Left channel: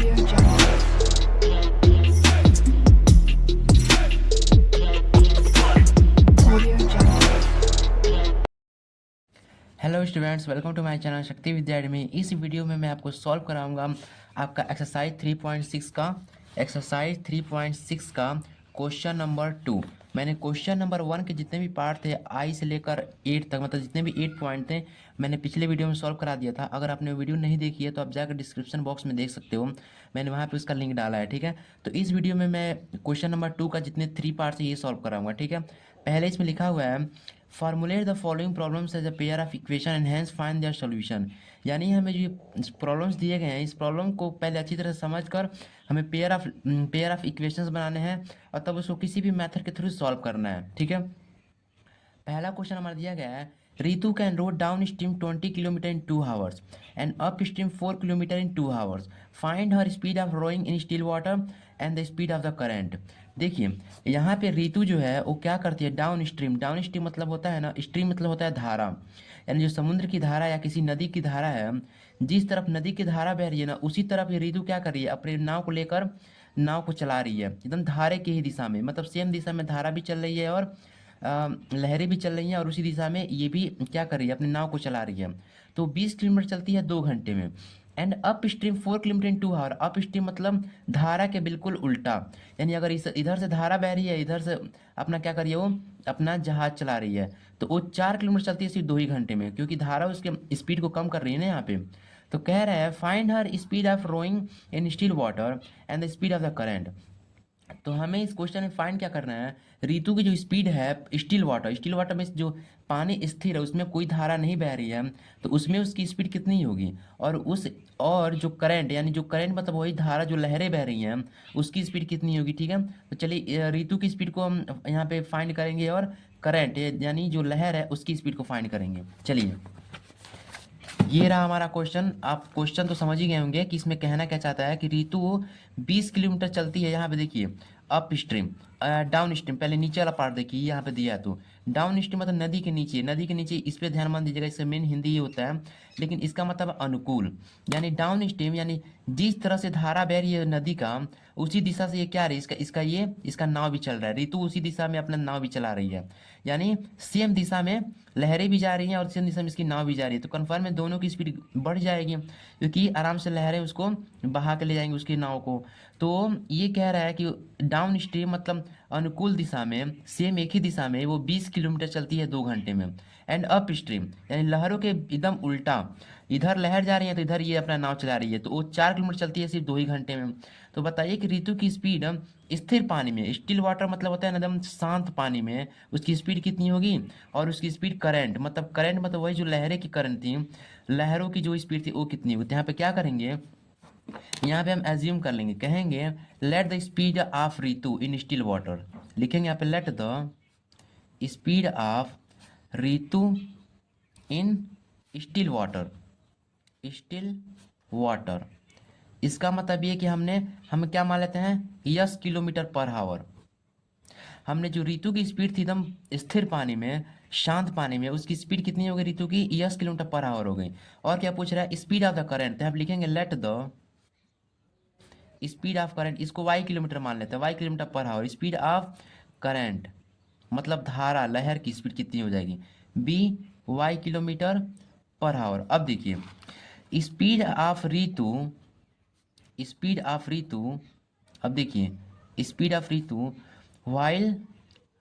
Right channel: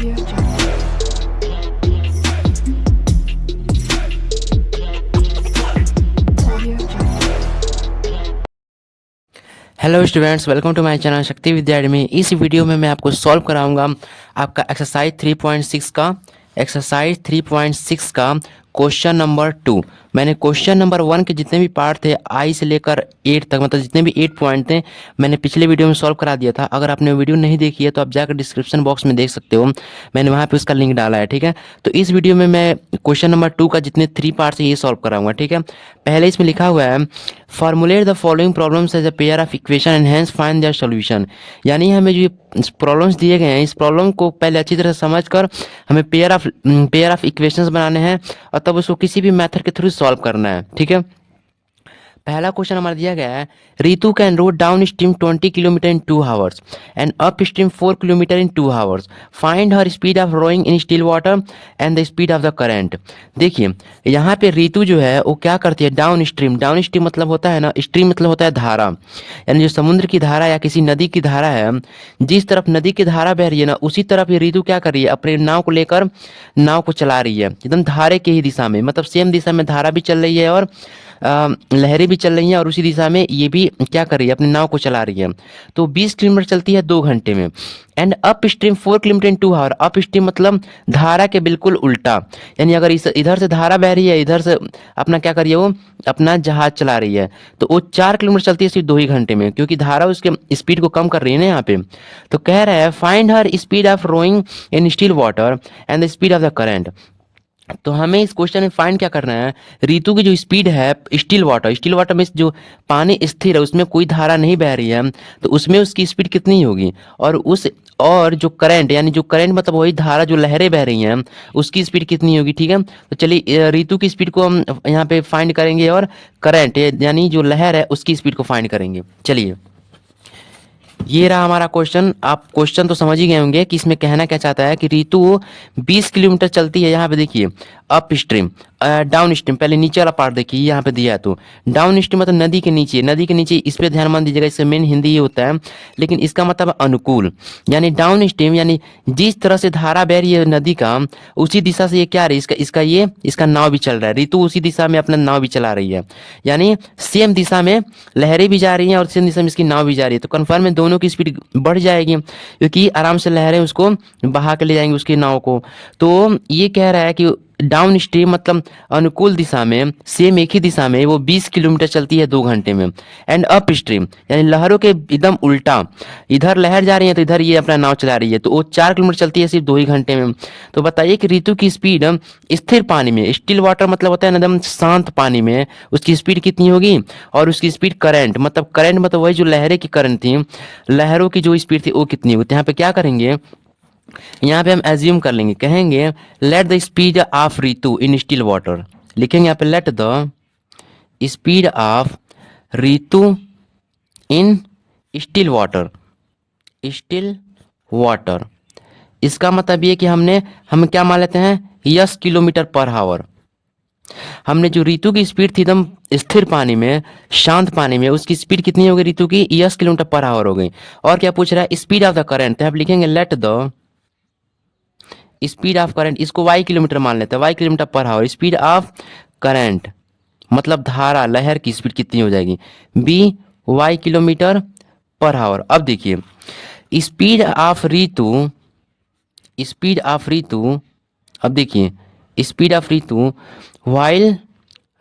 Audio Jungle. Audio Jungle. Hello students, welcome to my channel Shakti Vidya academy. इस video में मैं आपको सॉल्व कराऊंगा आपका एक्सरसाइज 3.6 का क्वेश्चन नंबर 2। मैंने क्वेश्चन नंबर 1 के जितने भी पार्ट थे आई से लेकर 8 तक, मतलब जितने भी 8 पॉइंट थे, मैंने पिछले वीडियो में सॉल्व करा दिया था। अगर आपने वीडियो नहीं देखी है तो आप जाकर डिस्क्रिप्शन बॉक्स में देख सकते हो, मैंने वहाँ पे उसका लिंक डाला है। ठीक है, तो इस वीडियो में मैं क्वेश्चन नंबर 2 का जितने 3 पार्ट है ये सॉल्व कराऊंगा। ठीक है, पहले इसमें लिखा हुआ है formulate the following problems as a pair of equation and hence find their solution. यानी हमें जो प्रॉब्लम्स दिए गए हैं, इस प्रॉब्लम को पहले अच्छी तरह समझकर हमें पेयर ऑफ इक्वेशंस बनाने हैं और तब उसको किसी भी मेथड के थ्रू सॉल्व करना है। ठीक है, पहला क्वेश्चन हमारा दिया गया है, Ritu can row downstream 20 kilometres in 2 hours and upstream 4 kilometres in 2 hours. Find her speed of rowing in still water and the speed of the current. देखिए, यहाँ पे रितु जो है वो क्या करती है, डाउन स्ट्रीम मतलब होता है ना, स्ट्रीम मतलब होता है धारा, यानी जो समुद्र की धारा या किसी नदी की धारा है, जिस तरफ नदी की धारा बह रही है ना, उसी तरफ ये रितु क्या कर रही है, अपने नाव को लेकर नाव को चला रही है, एकदम धारे के ही दिशा में, मतलब सेम दिशा में धारा भी चल रही है और लहरें भी चल रही हैं और उसी दिशा में ये भी क्या कर रही है, अपने नाव को चला रही है। तो 20 किलोमीटर चलती है 2 घंटे में। And upstream 4 kilometres in 2 hour. Upstream मतलब धारा के बिल्कुल उल्टा, यानी अगर इस इधर से धारा बह रही है, इधर से अपना क्या कर रही है, वो अपना जहाज चला रही है, तो वो 4 किलोमीटर चलती है सिर्फ 2 ही घंटे में, क्योंकि धारा उसके स्पीड को कम कर रही है ना यहाँ पे। तो कह रहा है find her speed of rowing in still water and the speed of the current. तो हमें इस क्वेश्चन में फाइंड क्या करना है, ऋतु की जो स्पीड है स्टिल वाटर में जो पानी स्थिर है उसमें कोई धारा नहीं बह रही है, तो उसमें उसकी स्पीड कितनी होगी, और जो करंट, यानी जो करंट मतलब वही धारा जो लहरें बह रही हैं उसकी स्पीड कितनी होगी। ठीक है, तो चलिए ऋतु की स्पीड को हम यहाँ पे फाइंड करेंगे और करंट यानी जो लहर है उसकी स्पीड को फाइंड करेंगे। चलिए, ये रहा हमारा क्वेश्चन। आप क्वेश्चन तो समझ ही गए होंगे कि इसमें कहना क्या चाहता है कि ऋतु 20 किलोमीटर चलती है। यहाँ पे देखिए अप स्ट्रीम, डाउन स्ट्रीम, पहले नीचे वाला पार्ट देखिए, यहाँ पे दिया है तो डाउन स्ट्रीम मतलब नदी के नीचे, इस पे ध्यान मान दीजिएगा, इससे मेन हिंदी ये होता है, लेकिन इसका मतलब अनुकूल, यानी डाउन स्ट्रीम यानी जिस तरह से धारा बह रही है नदी का, उसी दिशा से ये क्या रही है, इसका नाव भी चल रहा है। ऋतु उसी दिशा में अपना नाव भी चला रही है, यानी सेम दिशा में लहरें भी जा रही हैं और सेम दिशा में इसकी नाव भी जा रही है। तो कन्फर्म है दोनों की स्पीड बढ़ जाएगी, क्योंकि आराम से लहरें उसको बहा के ले जाएंगी उसकी नाव को। तो ये कह रहा है कि डाउन स्ट्रीम मतलब अनुकूल दिशा में, सेम एक ही दिशा में वो 20 किलोमीटर चलती है 2 घंटे में। एंड अप स्ट्रीम यानी लहरों के एकदम उल्टा, इधर लहर जा रही है तो इधर ये अपना नाव चला रही है, तो वो 4 किलोमीटर चलती है सिर्फ 2 ही घंटे में। तो बताइए कि ऋतु की स्पीड स्थिर पानी में, स्टिल वाटर मतलब होता है ना एकदम शांत पानी में, उसकी स्पीड कितनी होगी, और उसकी स्पीड करंट मतलब वही जो लहरें की करंट थी, लहरों की जो स्पीड थी वो कितनी होगी। तो यहाँ पे क्या करेंगे, यहाँ पे हम एज्यूम कर लेंगे, कहेंगे late the speed of Ritu in still water. लिखेंगे यहाँ पे late the speed of Ritu in still water. इसका मतलब ये कि हम क्या मान लेते हैं, 10 किलोमीटर पर आवर। हमने जो ऋतु की स्पीड थी एकदम स्थिर पानी में, शांत पानी में, उसकी स्पीड कितनी हो गई ऋतु की, 10 किलोमीटर पर आवर हो गई। और क्या पूछ रहा है, स्पीड ऑफ द करंट, तो आप लिखेंगे let the speed of current, इसको वाई किलोमीटर मान लेते हैं, y kilometre per hour. Speed of current मतलब धारा लहर की स्पीड कितनी हो जाएगी, be y kilometre per hour. अब देखिए स्पीड ऑफ ऋतु, अब देखिए speed of Ritu while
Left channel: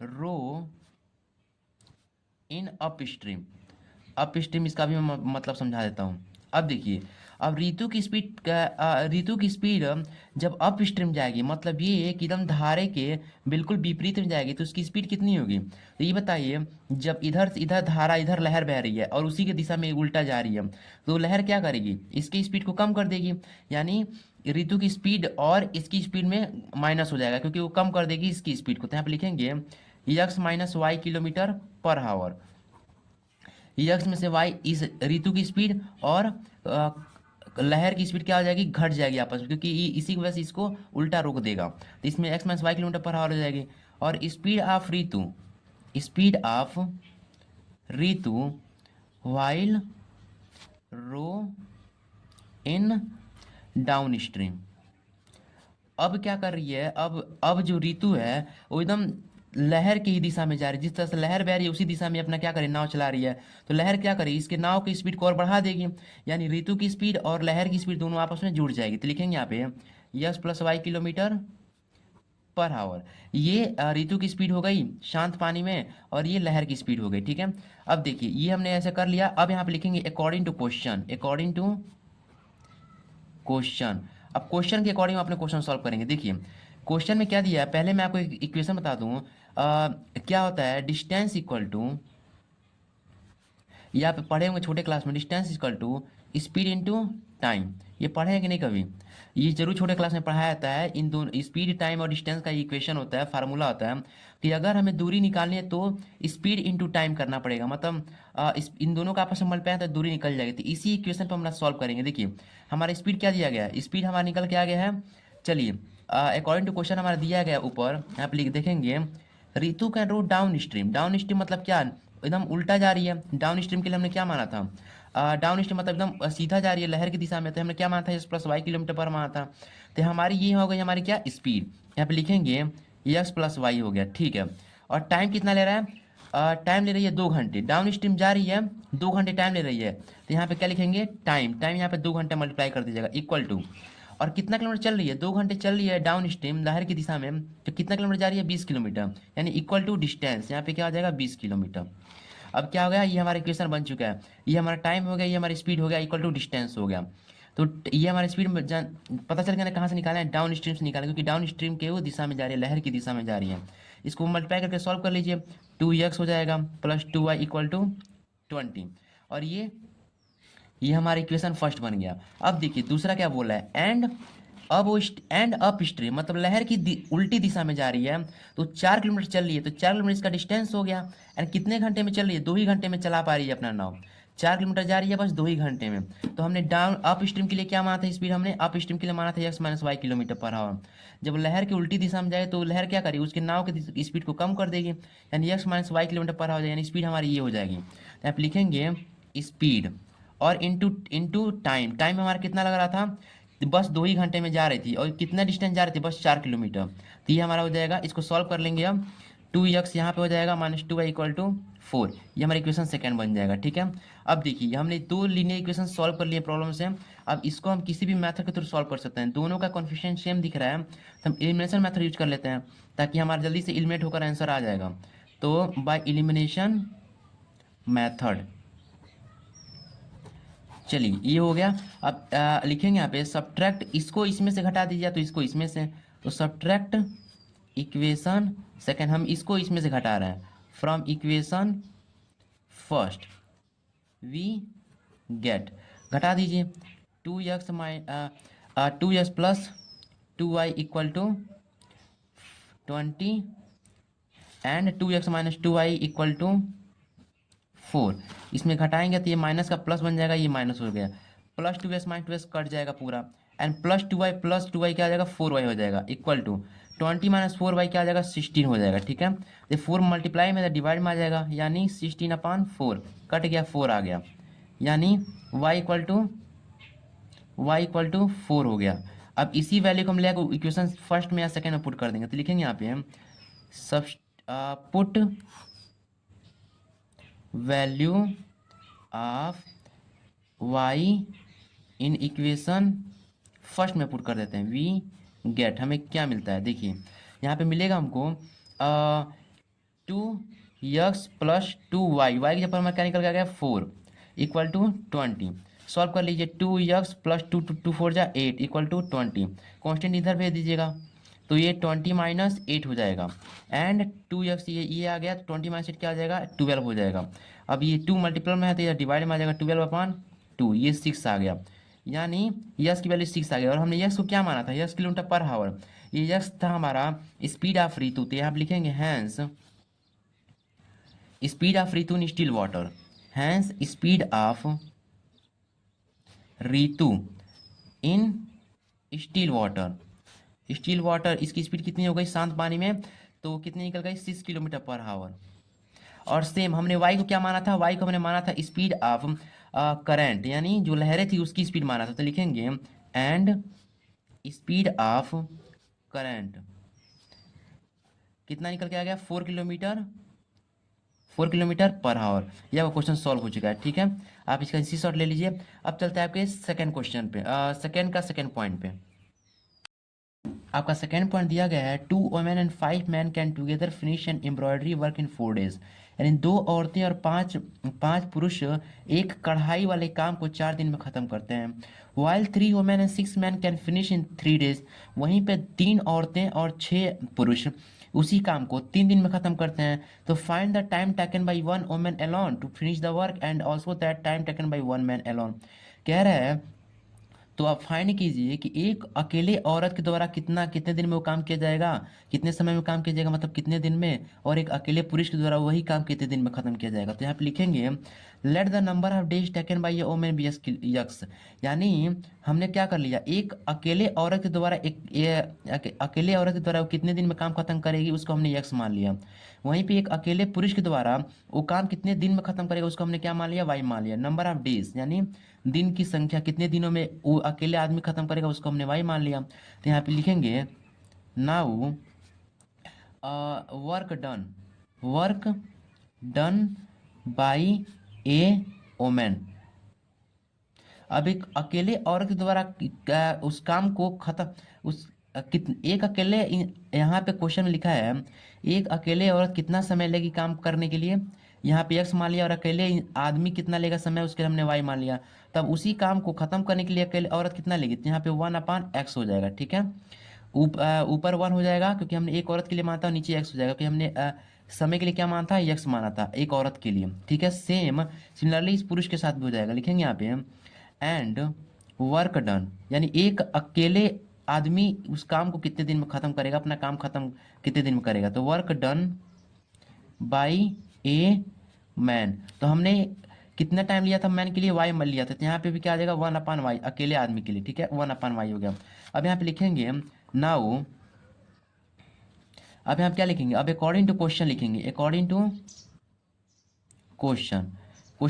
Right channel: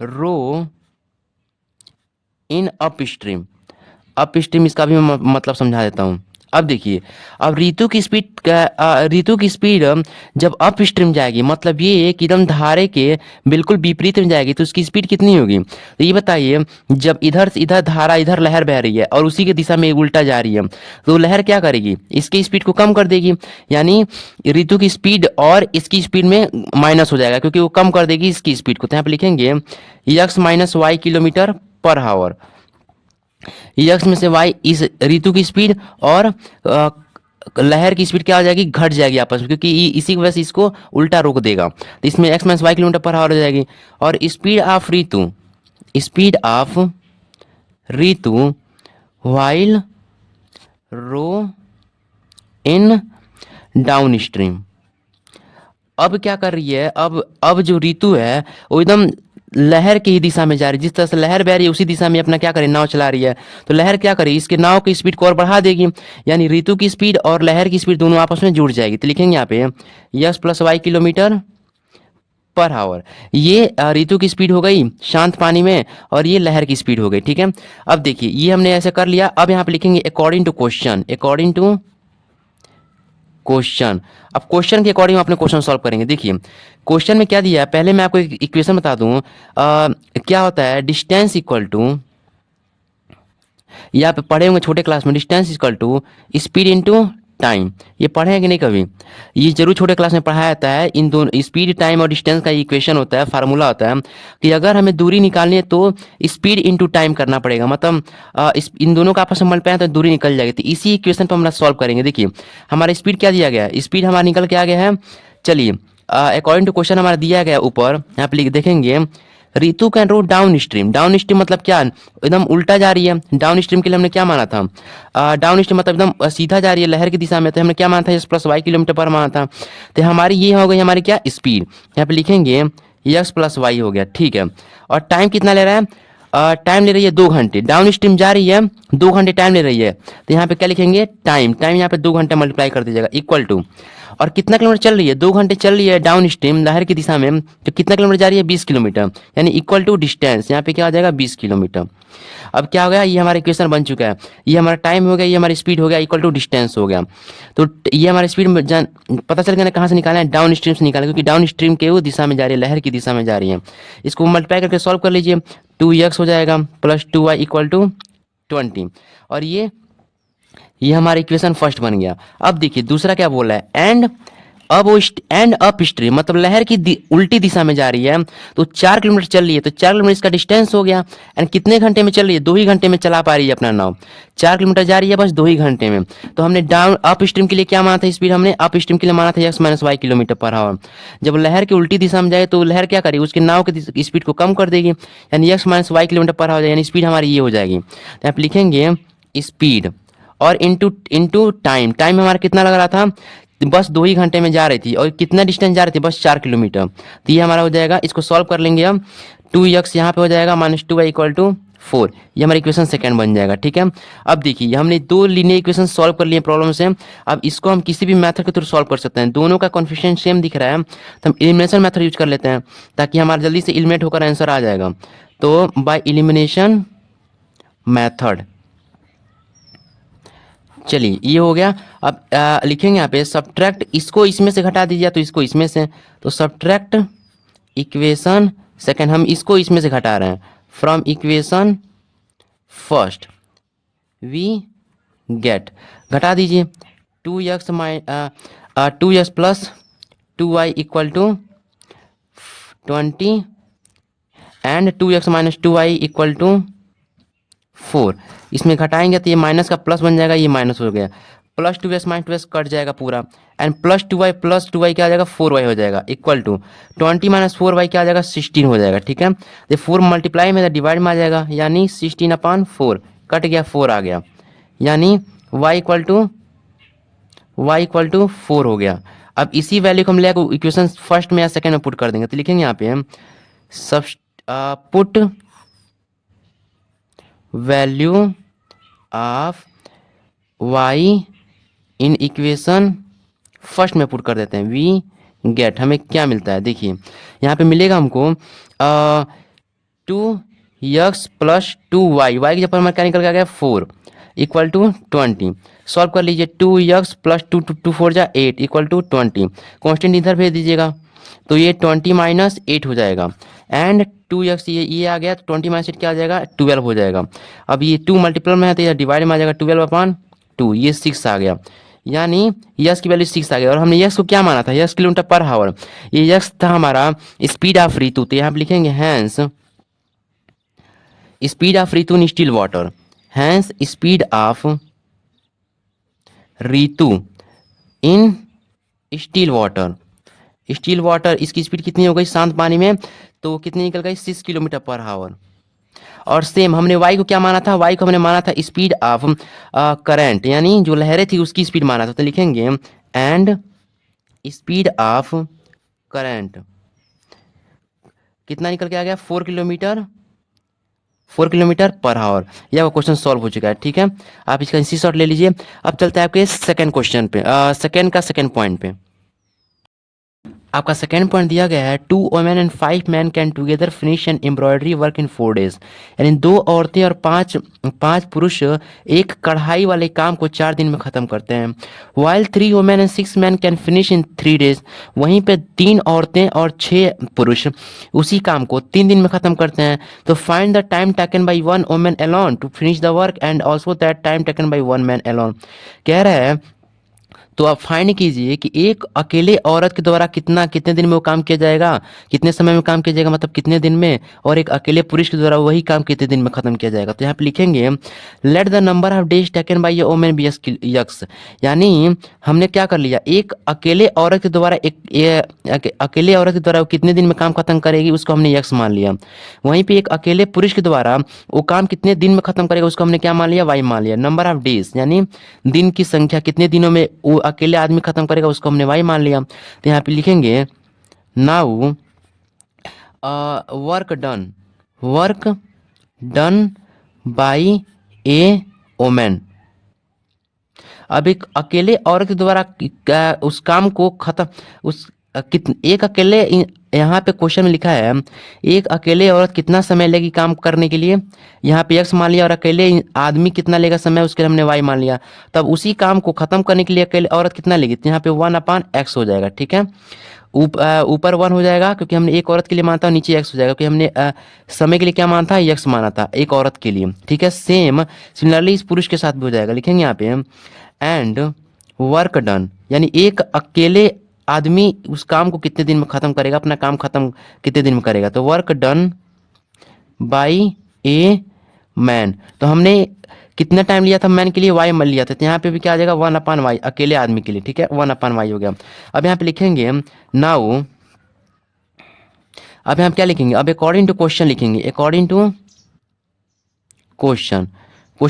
rowing upstream, इसका भी मैं मतलब समझा देता हूँ। अब देखिए, अब ऋतु की स्पीड जब अप स्ट्रीम जाएगी, मतलब ये कि एकदम धारे के बिल्कुल विपरीत में जाएगी, तो उसकी स्पीड कितनी होगी। तो ये बताइए, जब इधर से इधर धारा, इधर लहर बह रही है और उसी की दिशा में उल्टा जा रही है, तो लहर क्या करेगी, इसकी स्पीड को कम कर देगी, यानी ऋतु की स्पीड और इसकी स्पीड में माइनस हो जाएगा, क्योंकि वो कम कर देगी इसकी स्पीड को। तो यहाँ पे लिखेंगे x minus y kilometre per hour. X में से वाई इस ऋतु की स्पीड और लहर की स्पीड क्या हो जाएगी, घट जाएगी आपस में, क्योंकि इसी की वजह से इसको उल्टा रोक देगा। तो इसमें x minus y kilometre per hour हो जाएगी। और speed of Ritu while rowing downstream, अब क्या कर रही है, अब जो ऋतु है वो एकदम लहर की ही दिशा में जा रही है। जिस तरह से लहर बह रही है उसी दिशा में अपना क्या करे, नाव चला रही है। तो लहर क्या करे, इसके नाव की स्पीड को और बढ़ा देगी, यानी ऋतु की स्पीड और लहर की स्पीड दोनों आपस में जुड़ जाएगी। तो लिखेंगे यहाँ पे x plus y kilometre per hour. ये ऋतु की स्पीड हो गई शांत पानी में, और ये लहर की स्पीड हो गई। ठीक है, अब देखिए ये हमने ऐसे कर लिया। अब यहाँ पे लिखेंगे according to question, according to question. अब क्वेश्चन के अकॉर्डिंग अपने क्वेश्चन सॉल्व करेंगे। देखिए क्वेश्चन में क्या दिया है, पहले मैं आपको एक इक्वेशन बता दूं। क्या होता है, डिस्टेंस इक्वल टू, ये आप पढ़े होंगे छोटे क्लास में, distance equal to speed into time. ये पढ़े हैं कि नहीं कभी, ये जरूर छोटे क्लास में पढ़ाया जाता है। इन दोनों स्पीड टाइम और डिस्टेंस का इक्वेशन होता है, फार्मूला होता है कि अगर हमें दूरी निकालनी है तो स्पीड इनटू टाइम करना पड़ेगा। मतलब इन दोनों का आपस में मल्टीप्लाई तो दूरी निकल जाएगी। तो इसी इक्वेशन पर हम सॉल्व करेंगे। देखिए हमारा स्पीड क्या दिया गया है, स्पीड हमारा निकल के आ गया है। चलिए अकॉर्डिंग टू क्वेश्चन हमारा दिया गया है ऊपर, यहाँ पे लिख देखेंगे Ritu can row downstream. Downstream मतलब क्या, एकदम उल्टा जा रही है। डाउन स्ट्रीम के लिए हमने क्या माना था, डाउन स्ट्रीम मतलब एकदम सीधा जा रही है लहर की दिशा में। तो हमने क्या माना था, एस प्लस वाई किलोमीटर पर माना था। तो हमारी ये हो गई हमारी क्या स्पीड, यहाँ पे लिखेंगे यस प्लस वाई हो गया। ठीक है, और टाइम कितना ले रहा है, टाइम ले रही है 2 घंटे। डाउन स्ट्रीम जा रही है 2 घंटे टाइम ले रही है। तो यहाँ पे क्या लिखेंगे, टाइम, टाइम यहाँ पे 2 घंटे मल्टीप्लाई कर दीजिएगा इक्वल टू, और कितना किलोमीटर चल रही है, 2 घंटे चल रही है डाउन स्ट्रीम लहर की दिशा में। तो कितना किलोमीटर जा रही है, 20 किलोमीटर, यानी इक्वल टू डिस्टेंस, यहाँ पे क्या आ जाएगा 20 किलोमीटर। अब क्या हो गया, ये हमारा इक्वेशन बन चुका है। ये हमारा टाइम हो गया, ये हमारी स्पीड हो गया, इक्वल टू डिस्टेंस हो गया। तो ये हमारी स्पीड में पता चल गया ना कहाँ से निकालना है, डाउन स्ट्रीम से निकालना, क्योंकि डाउन स्ट्रीम के वो दिशा में जा रही है, लहर की दिशा में जा रही है। इसको मल्टीप्लाई करके सॉल्व कर लीजिए, 2x हो जाएगा प्लस 2y इक्वल टू 20। और ये हमारा इक्वेशन फर्स्ट बन गया। अब देखिए दूसरा क्या बोला है, एंड अब वो एंड अप स्ट्रीम मतलब लहर की उल्टी दिशा में जा रही है। तो 4 किलोमीटर चल रही है, तो 4 किलोमीटर इसका डिस्टेंस हो गया। एंड कितने घंटे में चल रही है, 2 ही घंटे में चला पा रही है अपना नाव। 4 किलोमीटर जा रही है बस 2 ही घंटे में। तो हमने डाउन अप स्ट्रीम के लिए क्या माना था स्पीड, हमने अप स्ट्रीम के लिए माना था x minus y kilometre per hour. जब लहर की उल्टी दिशा में जाए तो लहर क्या करेगी, उसके नाव की स्पीड को कम कर देगी, यानी x minus y kilometre per hour, यानी स्पीड हमारी ये हो जाएगी। तो आप लिखेंगे स्पीड और इंटू टाइम। टाइम हमारा कितना लग रहा था, बस 2 ही घंटे में जा रही थी, और कितना डिस्टेंस जा रही थी, बस 4 किलोमीटर। तो ये हमारा हो जाएगा, इसको सॉल्व कर लेंगे हम, 2x यहाँ पे हो जाएगा माइनस 2y इक्वल टू 4। ये हमारा इक्वेशन सेकंड बन जाएगा। ठीक है, अब देखिए हमने 2 लीनियर इक्वेशन सॉल्व कर लिए प्रॉब्लम से। अब इसको हम किसी भी मेथड के थ्रू सॉल्व कर सकते हैं। दोनों का कॉन्फिगरेशन सेम दिख रहा है, तो हम एलिमिनेशन मेथड यूज कर लेते हैं, ताकि हमारा जल्दी से एलिमिनेट होकर आंसर आ जाएगा। तो बाय एलिमिनेशन मैथड, चलिए ये हो गया। अब लिखेंगे यहाँ पे सब्ट्रैक्ट, इसको इसमें से घटा दीजिए तो इसको इसमें से, तो सब्ट्रैक्ट इक्वेशन सेकंड, हम इसको इसमें से घटा रहे हैं, from equation first we get, घटा दीजिए 2x plus 2y equal to 20 and 2x minus 2y equal to 4। इसमें घटाएंगे तो ये माइनस का प्लस बन जाएगा, ये माइनस हो गया, plus 2s minus 2s cut जाएगा पूरा, एंड प्लस 2y क्या आ जाएगा 4y हो जाएगा इक्वल टू 20 माइनस 4y क्या आ जाएगा 16 हो जाएगा। ठीक है, तो 4 मल्टीप्लाई में डिवाइड में आ जाएगा, यानी 16/4 कट गया 4 आ गया, यानी y इक्वल टू 4 हो गया। अब इसी वैल्यू को हम ले इक्वेशन फर्स्ट में या सेकेंड में पुट कर देंगे। तो लिखेंगे यहाँ पे हम सब put value of y in equation first में पुट कर देते हैं, वी गेट, हमें क्या मिलता है देखिए यहाँ पे मिलेगा हमको 2x प्लस 2y, y की जगह पर हमारा क्या निकल के आ गया 4 इक्वल टू 20। सॉल्व कर लीजिए, 2x प्लस 2 4 जा 8 इक्वल टू 20, कॉन्स्टेंट इधर भेज दीजिएगा तो ये 20 माइनस 8 हो जाएगा, एंड 2x ये आ गया, तो 20 माइनस 8 क्या आ जाएगा 12 हो जाएगा। अब ये 2 मल्टीपल में है तो ये डिवाइड में आ जाएगा 12/2, ये 6 आ गया, यानी यस की वैल्यू 6 आ गया। और हमने यस को क्या माना था, यस किलोमीटर पर आवर, ये यस था हमारा स्पीड ऑफ ऋतु। तो यहाँ पे लिखेंगे hence speed of Ritu in still water, hence speed of Ritu in still water. Still water इसकी स्पीड कितनी हो गई शांत पानी में, तो कितनी निकल गई 6 किलोमीटर पर आवर। और सेम हमने y को क्या माना था, y को हमने माना था स्पीड ऑफ करंट, यानी जो लहरें थी उसकी स्पीड माना था। तो लिखेंगे एंड स्पीड ऑफ करंट कितना निकल के आ गया, 4 किलोमीटर, 4 किलोमीटर पर आवर। यह वो क्वेश्चन सॉल्व हो चुका है। ठीक है, आप इसका इसी शॉट ले लीजिए। अब चलते हैं आपके सेकंड क्वेश्चन पे, सेकंड पॉइंट पे। आपका सेकंड पॉइंट दिया गया है 2 women and 5 men can together finish an embroidery work in 4 days। यानी 2 औरतें और पांच पुरुष एक कढ़ाई वाले काम को 4 दिन में खत्म करते हैं। While 3 women and 6 men can finish in 3 days। वहीं पे 3 औरतें और 6 पुरुष उसी काम को 3 दिन में खत्म करते हैं। तो find the time taken by 1 woman alone to finish the work and also that time taken by 1 man alone। कह रहा है तो आप फाइंड कीजिए कि एक अकेले औरत के द्वारा कितने दिन में वो काम किया जाएगा, कितने समय में काम किया जाएगा, मतलब कितने दिन में, और एक अकेले पुरुष के द्वारा वही काम कितने दिन में खत्म किया जाएगा। तो यहाँ पे लिखेंगे let the number of days taken by a women be x. यानी हमने क्या कर लिया, एक अकेले औरत के द्वारा अकेले औरत के द्वारा वो कितने दिन में काम खत्म करेगी उसको हमने यक्स मान लिया। वहीं पे एक अकेले पुरुष के द्वारा वो काम कितने दिन में खत्म करेगा उसको हमने क्या मान लिया, वाई मान लिया। नंबर ऑफ डेज यानी दिन की संख्या, कितने दिनों में वो अकेले आदमी खत्म करेगा उसको हमने वाई मान लिया। तो यहाँ पे लिखेंगे now work done by a woman. अब एक अकेले औरत के द्वारा उस काम को खत्म उस एक अकेले यहाँ पे क्वेश्चन में लिखा है एक अकेले औरत कितना समय लेगी काम करने के लिए, यहाँ पे एक्स मान लिया, और अकेले आदमी कितना लेगा समय उसके लिए हमने वाई मान लिया। तब उसी काम को खत्म करने के लिए अकेले औरत कितना लेगी, तो यहाँ पे 1/x हो जाएगा। ठीक है, ऊपर 1 हो जाएगा क्योंकि हमने एक औरत के लिए माना था, नीचे एक्स हो जाएगा क्योंकि हमने समय के लिए क्या माना था, एक्स माना था एक औरत के लिए। ठीक है, सिमिलरली इस पुरुष के साथ भी हो जाएगा। लिखेंगे यहाँ पे एंड वर्क डन, यानी एक अकेले आदमी उस काम को कितने दिन में खत्म करेगा, अपना काम खत्म कितने दिन में करेगा। तो work done by a man, तो हमने कितना टाइम लिया था मैन के लिए, वाई मान लिया था। तो यहाँ पे भी क्या आ जाएगा 1/y अकेले आदमी के लिए। ठीक है, 1/y हो गया। अब यहाँ पे लिखेंगे नाउ, अब यहाँ पे क्या लिखेंगे, अब अकॉर्डिंग टू क्वेश्चन लिखेंगे, अकॉर्डिंग टू क्वेश्चन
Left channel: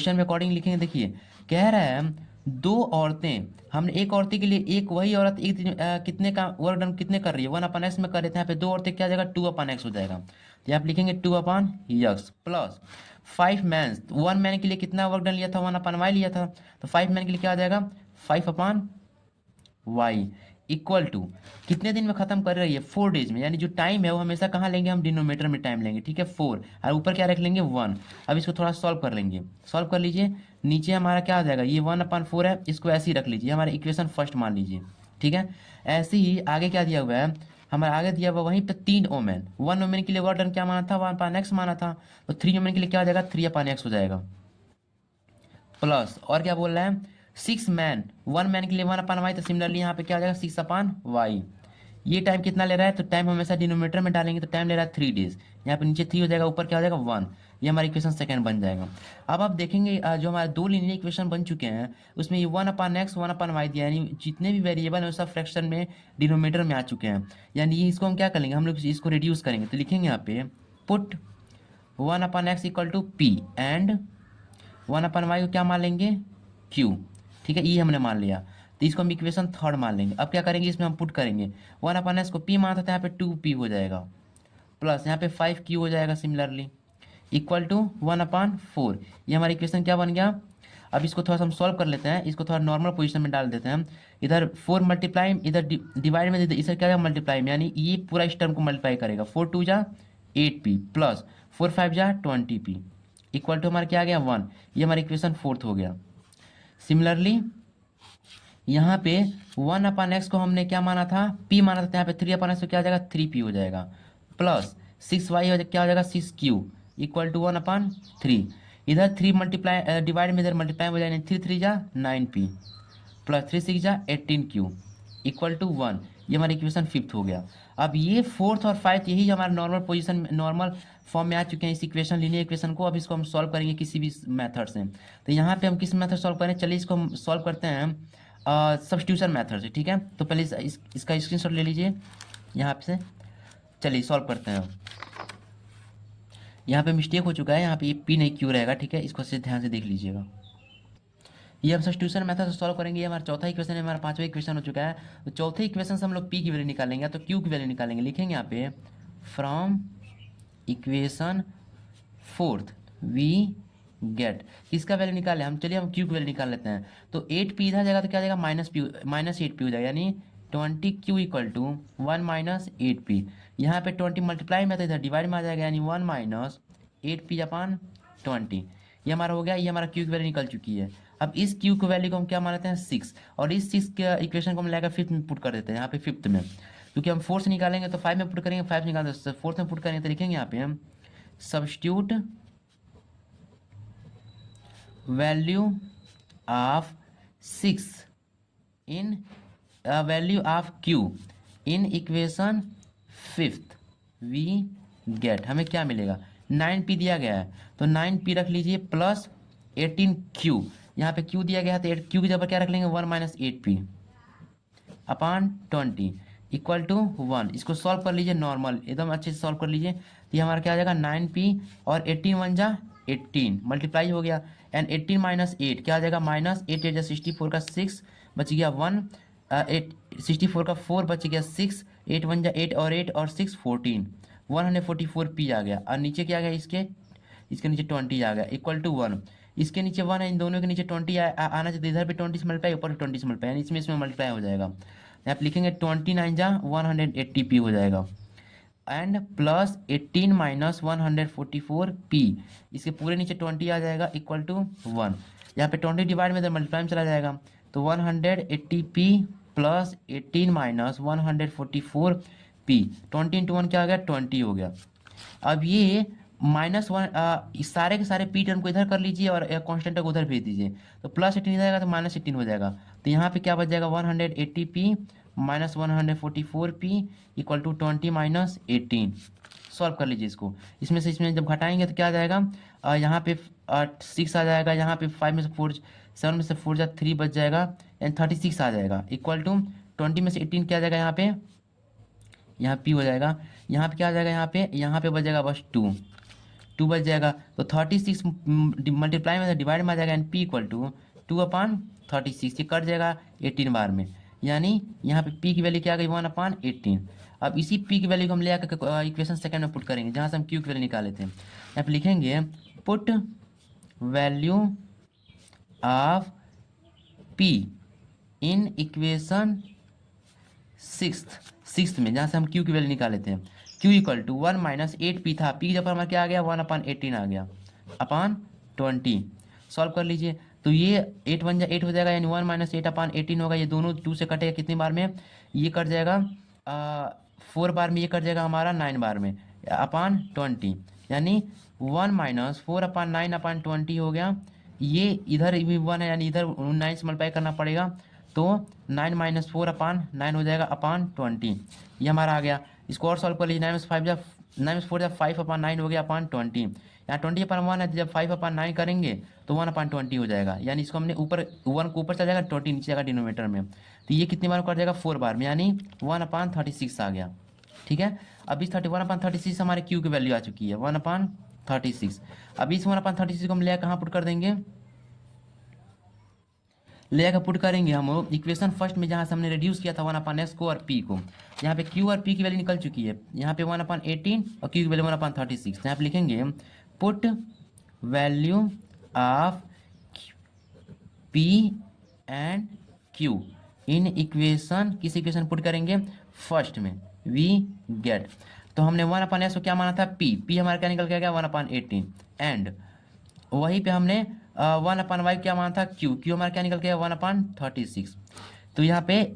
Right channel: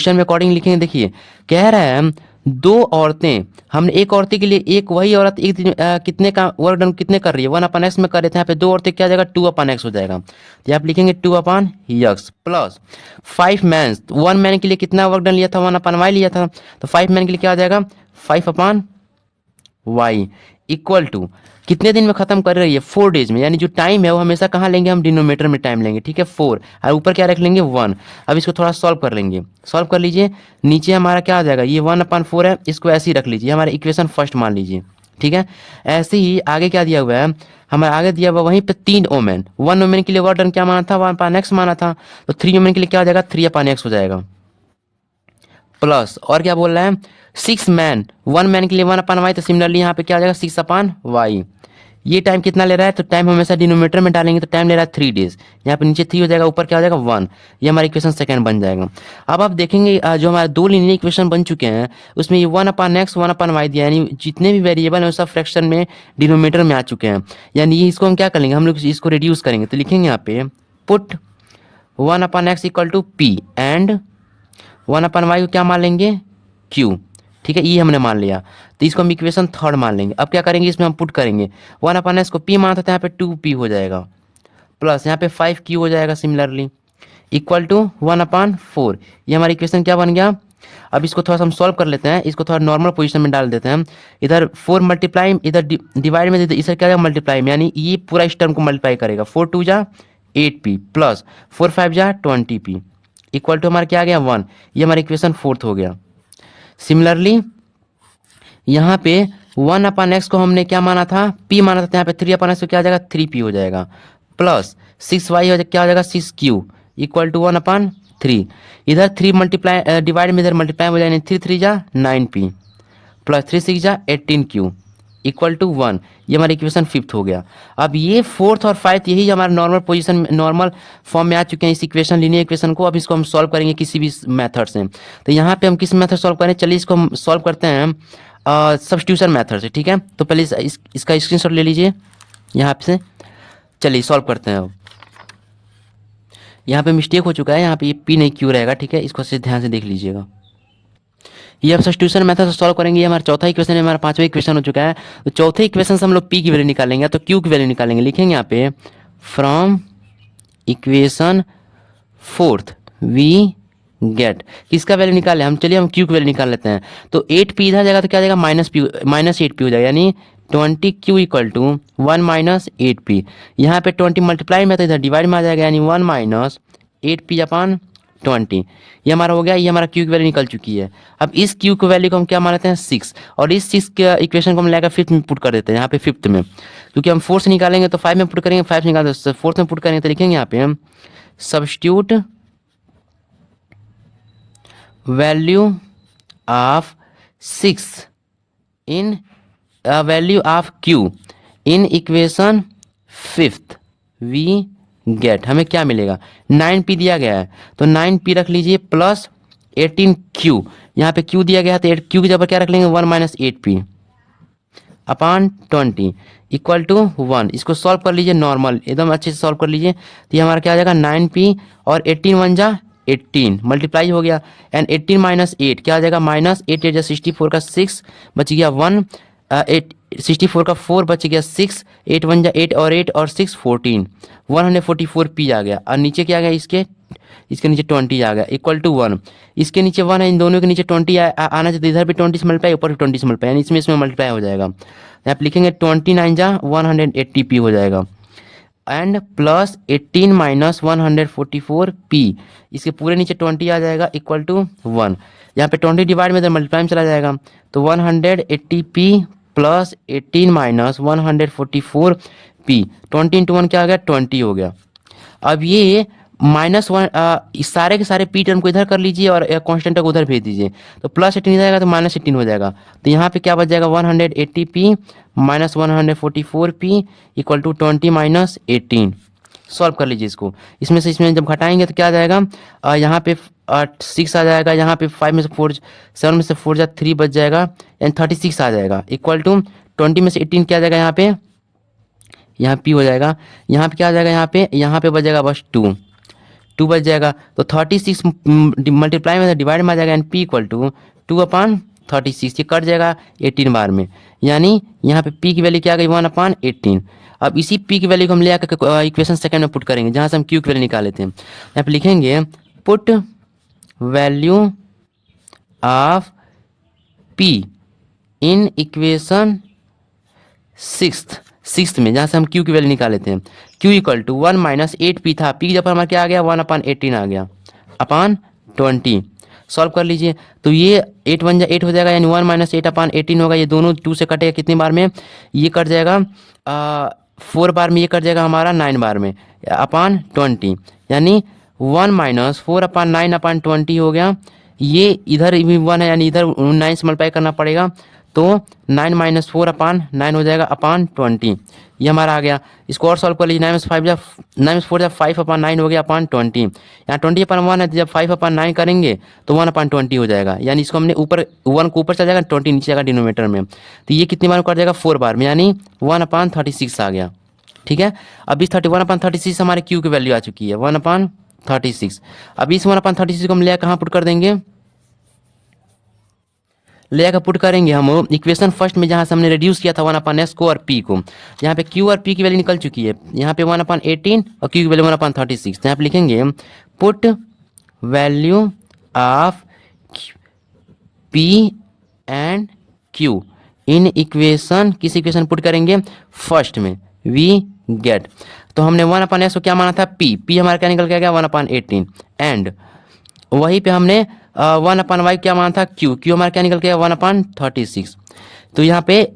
में अकॉर्डिंग लिखेंगे। देखिए कह रहा है 2 औरतें, हमने एक औरत के लिए एक वही औरत एक दिन कितने का वर्क डन कितने कर रही है, 1/x में कर रहे थे। यहाँ पे 2 औरतें क्या जाएगा 2/x हो जाएगा। तो आप लिखेंगे 2/x प्लस 5 मैन, 1 मैन के लिए कितना वर्क डन लिया था, 1/y लिया था। तो 5 मैन के लिए क्या आ जाएगा 5/y इक्वल टू कितने दिन में खत्म कर रही है 4 डेज में। यानी जो टाइम है वो हमेशा कहाँ लेंगे, हम डिनोमीटर में टाइम लेंगे। ठीक है, 4 और ऊपर क्या रख लेंगे 1। अब इसको थोड़ा सॉल्व कर लेंगे, सॉल्व कर लीजिए। नीचे हमारा क्या आ जाएगा, ये 1/4 है, इसको ऐसे ही रख लीजिए, हमारा इक्वेशन फर्स्ट मान लीजिए। ठीक है, ऐसे ही आगे क्या दिया हुआ है, हमारा आगे दिया हुआ वहीं पे 3 वोमेन, 1 वोमेन के लिए वर्क डन क्या माना था 1/x माना था। तो 3 वोमेन के लिए क्या हो जाएगा 3/x हो जाएगा प्लस, और क्या बोल रहा है 6 मैन, 1 मैन के लिए 1/y। तो सिमिलरली यहाँ पे क्या आ जाएगा 6/y। ये टाइम कितना ले रहा है, तो टाइम हमेशा डिनोमीटर में डालेंगे, तो टाइम ले रहा है 3 डेज। यहाँ पे नीचे 3 हो जाएगा, ऊपर क्या हो जाएगा 1। ये हमारा इक्वेशन सेकंड बन जाएगा। अब आप देखेंगे जो हमारे 2 लीनियर इक्वेशन बन चुके हैं उसमें ये 1/x 1/y दिया, यानी जितने भी वेरिएबल हैं सब फ्रैक्शन में डिनोमीटर में आ चुके हैं। यानी इसको हम क्या करेंगे, हम लोग इसको रिड्यूस करेंगे। तो लिखेंगे यहाँ पे put 1/x equal to p and 1/y को क्या मान लेंगे q। ठीक है, ये हमने मान लिया, तो इसको हम इक्वेशन थर्ड मान लेंगे। अब क्या करेंगे, इसमें हम पुट करेंगे 1/x को p माना था, तो यहाँ पे 2p हो जाएगा प्लस यहाँ पे 5q हो जाएगा सिमिलरली इक्वल टू 1/4। ये हमारा इक्वेशन क्या बन गया। अब इसको थोड़ा सा हम सॉल्व कर लेते हैं, इसको थोड़ा नॉर्मल पोजीशन में डाल देते हैं। इधर 4 मल्टीप्लाई, इधर डिवाइड में इधर क्या मल्टीप्लाई में, यानी ये पूरा इस टर्म को मल्टीप्लाई करेगा। 4 2 जा 8p प्लस 4 5 जा 20p इक्वल टू हमारा क्या आ गया 1। ये हमारा इक्वेशन फोर्थ हो गया। सिमिलरली यहाँ पे 1/x को हमने क्या माना था p माना था, तो यहाँ पे 3/x को क्या आ जाएगा 3p हो जाएगा प्लस 6y क्या हो जाएगा 6q इक्वल टू 1/3। इधर 3 मल्टीप्लाई डिवाइड में इधर मल्टीप्लाई हो जाएगा, 3 3 जा 9p प्लस 3 6 जा 18q इक्वल टू 1। ये हमारा इक्वेशन फिफ्थ हो गया। अब ये फोर्थ और फाइव यही हमारा नॉर्मल पोजीशन नॉर्मल फॉर्म में आ चुके हैं इस इक्वेशन लीनियर इक्वेशन को। अब इसको हम सॉल्व करेंगे किसी भी मेथड से। तो यहाँ पे हम किस मेथड सॉल्व करें, चलिए इसको हम सॉल्व करते हैं सब्स्टिट्यूशन मेथड से। ठीक है, तो पहले इसका स्क्रीनशॉट ले लीजिए यहाँ से। चलिए सॉल्व करते हैं। अब यहाँ पे मिस्टेक हो चुका है, यहाँ पे ये पी नहीं क्यों रहेगा। ठीक है, इसको से ध्यान से देख लीजिएगा। ये अब सब्स्टिट्यूशन मेथड से सॉल्व करेंगे। ये हमारा चौथा इक्वेशन है, हमारा पांचवा इक्वेशन हो चुका है। तो चौथे इक्वेशन से हम लोग पी की वैल्यू निकालेंगे, तो क्यू की वैल्यू निकालेंगे। लिखेंगे यहाँ पे from equation fourth we get, किसका वैल्यू निकाले हम, चलिए हम क्यू की वैल्यू निकाल लेते हैं। तो 8p इधर जाएगा तो क्या जाएगा -8p हो जाएगा, यानी 20q equal to 1 minus 8p। यहाँ पे 20 मल्टीप्लाई में तो इधर डिवाइड में आ जाएगा, यानी 1 माइनस 8p अपॉन 20। ये हमारा हो गया, ये हमारा क्यू की वैल्यू निकल चुकी है। अब इस क्यू की वैल्यू को हम क्या मानते हैं 6, और इस 6 के इक्वेशन को हम लेकर फिफ्थ में पुट कर देते हैं, यहाँ पे फिफ्थ में, क्योंकि हम 4 से निकालेंगे तो 5 में पुट करेंगे, 5 से निकाल तो 4 में पुट करेंगे, तो लिखेंगे यहाँ पे हम substitute value of 6 in value of q in equation fifth we get, हमें क्या मिलेगा 9p दिया गया है, तो 9p रख लीजिए प्लस 18q, यहाँ पे q दिया गया है तो 8q की जगह क्या रख लेंगे 1 minus 8p upon 20 equal to 1। इसको सॉल्व कर लीजिए नॉर्मल, एकदम अच्छे से सॉल्व कर लीजिए, तो ये हमारा क्या आ जाएगा 9p और 18 1 जा 18 मल्टीप्लाई हो गया, एंड 18 माइनस 8 क्या आ जाएगा -8 8 जा 64 का 6 बच गया 1, 8 64 का 4 बच गया 6, 8 1 जा 8 और 8 और 6 14, 144p आ गया, और नीचे क्या आ गया इसके नीचे 20 आ गया इक्वल टू 1। इसके नीचे 1 है, इन दोनों के नीचे 20 आना चाहिए, इधर भी 20 से मल्टीप्लाई, ऊपर भी 20 से मल्टीप्लाई, यानी इसमें मल्टीप्लाई हो जाएगा। यहाँ पे लिखेंगे 29 जा 180p हो जाएगा, एंड प्लस 18 माइनस 144p, इसके पूरे नीचे 20 आ जाएगा इक्वल टू 1। यहाँ पे 20 डिवाइड में इधर मल्टीप्लाई में चला जाएगा, तो 180p plus 18 minus 144p, 20 into 1 क्या आ गया 20 हो गया। अब ये -1 इस सारे के सारे पी टर्म को इधर कर लीजिए और कांस्टेंट को उधर भेज दीजिए, तो प्लस 18 जाएगा तो -18 हो जाएगा, तो यहाँ पे क्या बच जाएगा 180p minus 144p equal to 20 minus 18। Solve कर लीजिए इसको, इसमें से इसमें जब घटाएंगे तो क्या आ जाएगा, यहाँ पे 6 आ जाएगा, यहाँ पे 5 में से 4 7 में से 4 जा 3 बच जाएगा, एंड 36 आ जाएगा इक्वल टू 20 में से 18 क्या आ जाएगा, यहाँ p हो जाएगा, यहाँ पे क्या आ जाएगा, यहाँ पे बच जाएगा बस 2 बच जाएगा, तो 36 मल्टीप्लाई में डिवाइड में आ जाएगा, एंड p इक्वल टू 2/36, ये कट जाएगा 18 बार में, यानी यहाँ पे p की वैल्यू क्या आ गई 1/18। अब इसी p की वैल्यू को हम ले आकर इक्वेशन सेकंड में पुट करेंगे, जहाँ से हम q की वैल्यू निकाल लेते हैं। यहाँ पे लिखेंगे put value of p in equation sixth में, जहाँ से हम q की वैल्यू निकाल लेते हैं, q equal to 1 minus 8p था, p की जगह पर हमारा क्या आ गया 1/18 आ गया अपॉन 20। सॉल्व कर लीजिए, तो ये 8 1 जा 8 हो जाएगा, यानी 1 माइनस 8/18 होगा, ये दोनों 2 से कटेगा कितनी बार में, ये कट जाएगा 4 बार में, ये कट जाएगा हमारा 9 बार में अपॉन 20, यानी 1 माइनस 4/9/20 हो गया। ये इधर भी 1 है, यानी इधर 9 से मल्टीप्लाई करना पड़ेगा, तो 9 माइनस 4/9 हो जाएगा अपॉन 20, ये हमारा आ गया। इसको और सॉल्व कर लीजिए, 9 में 4 जा 5/9 हो गया अपॉन 20, यहाँ 20/1 है, तो जब 5/9 करेंगे तो 1/20 हो जाएगा, यानी इसको हमने ऊपर 1 को ऊपर चला जाएगा 20 नीचे जाएगा डिनोमीटर में, तो ये कितनी बार कर जाएगा 4 बार में, यानी 1/36 आ गया। ठीक है, अब इस 1/36 हमारे क्यू की वैल्यू आ चुकी है 1/36। अब इस 1/36 को हम ले कहाँ पुट कर देंगे, ले आकर पुट करेंगे हम इक्वेशन फर्स्ट में, जहाँ से हमने रिड्यूस किया था 1/s को और p को। यहाँ पे q और p की वैल्यू निकल चुकी है, यहाँ पे 1/18 और q की वैल्यू 1/36। यहाँ पे लिखेंगे put value of p and q in equation, किस इक्वेशन पुट करेंगे फर्स्ट में वी गेट, तो हमने 1/s को क्या माना था p हमारा क्या निकल के आ गया 1/18, एंड वहीं पे हमने 1/y क्या माना था q हमारा क्या निकल के 1/36, तो यहाँ पे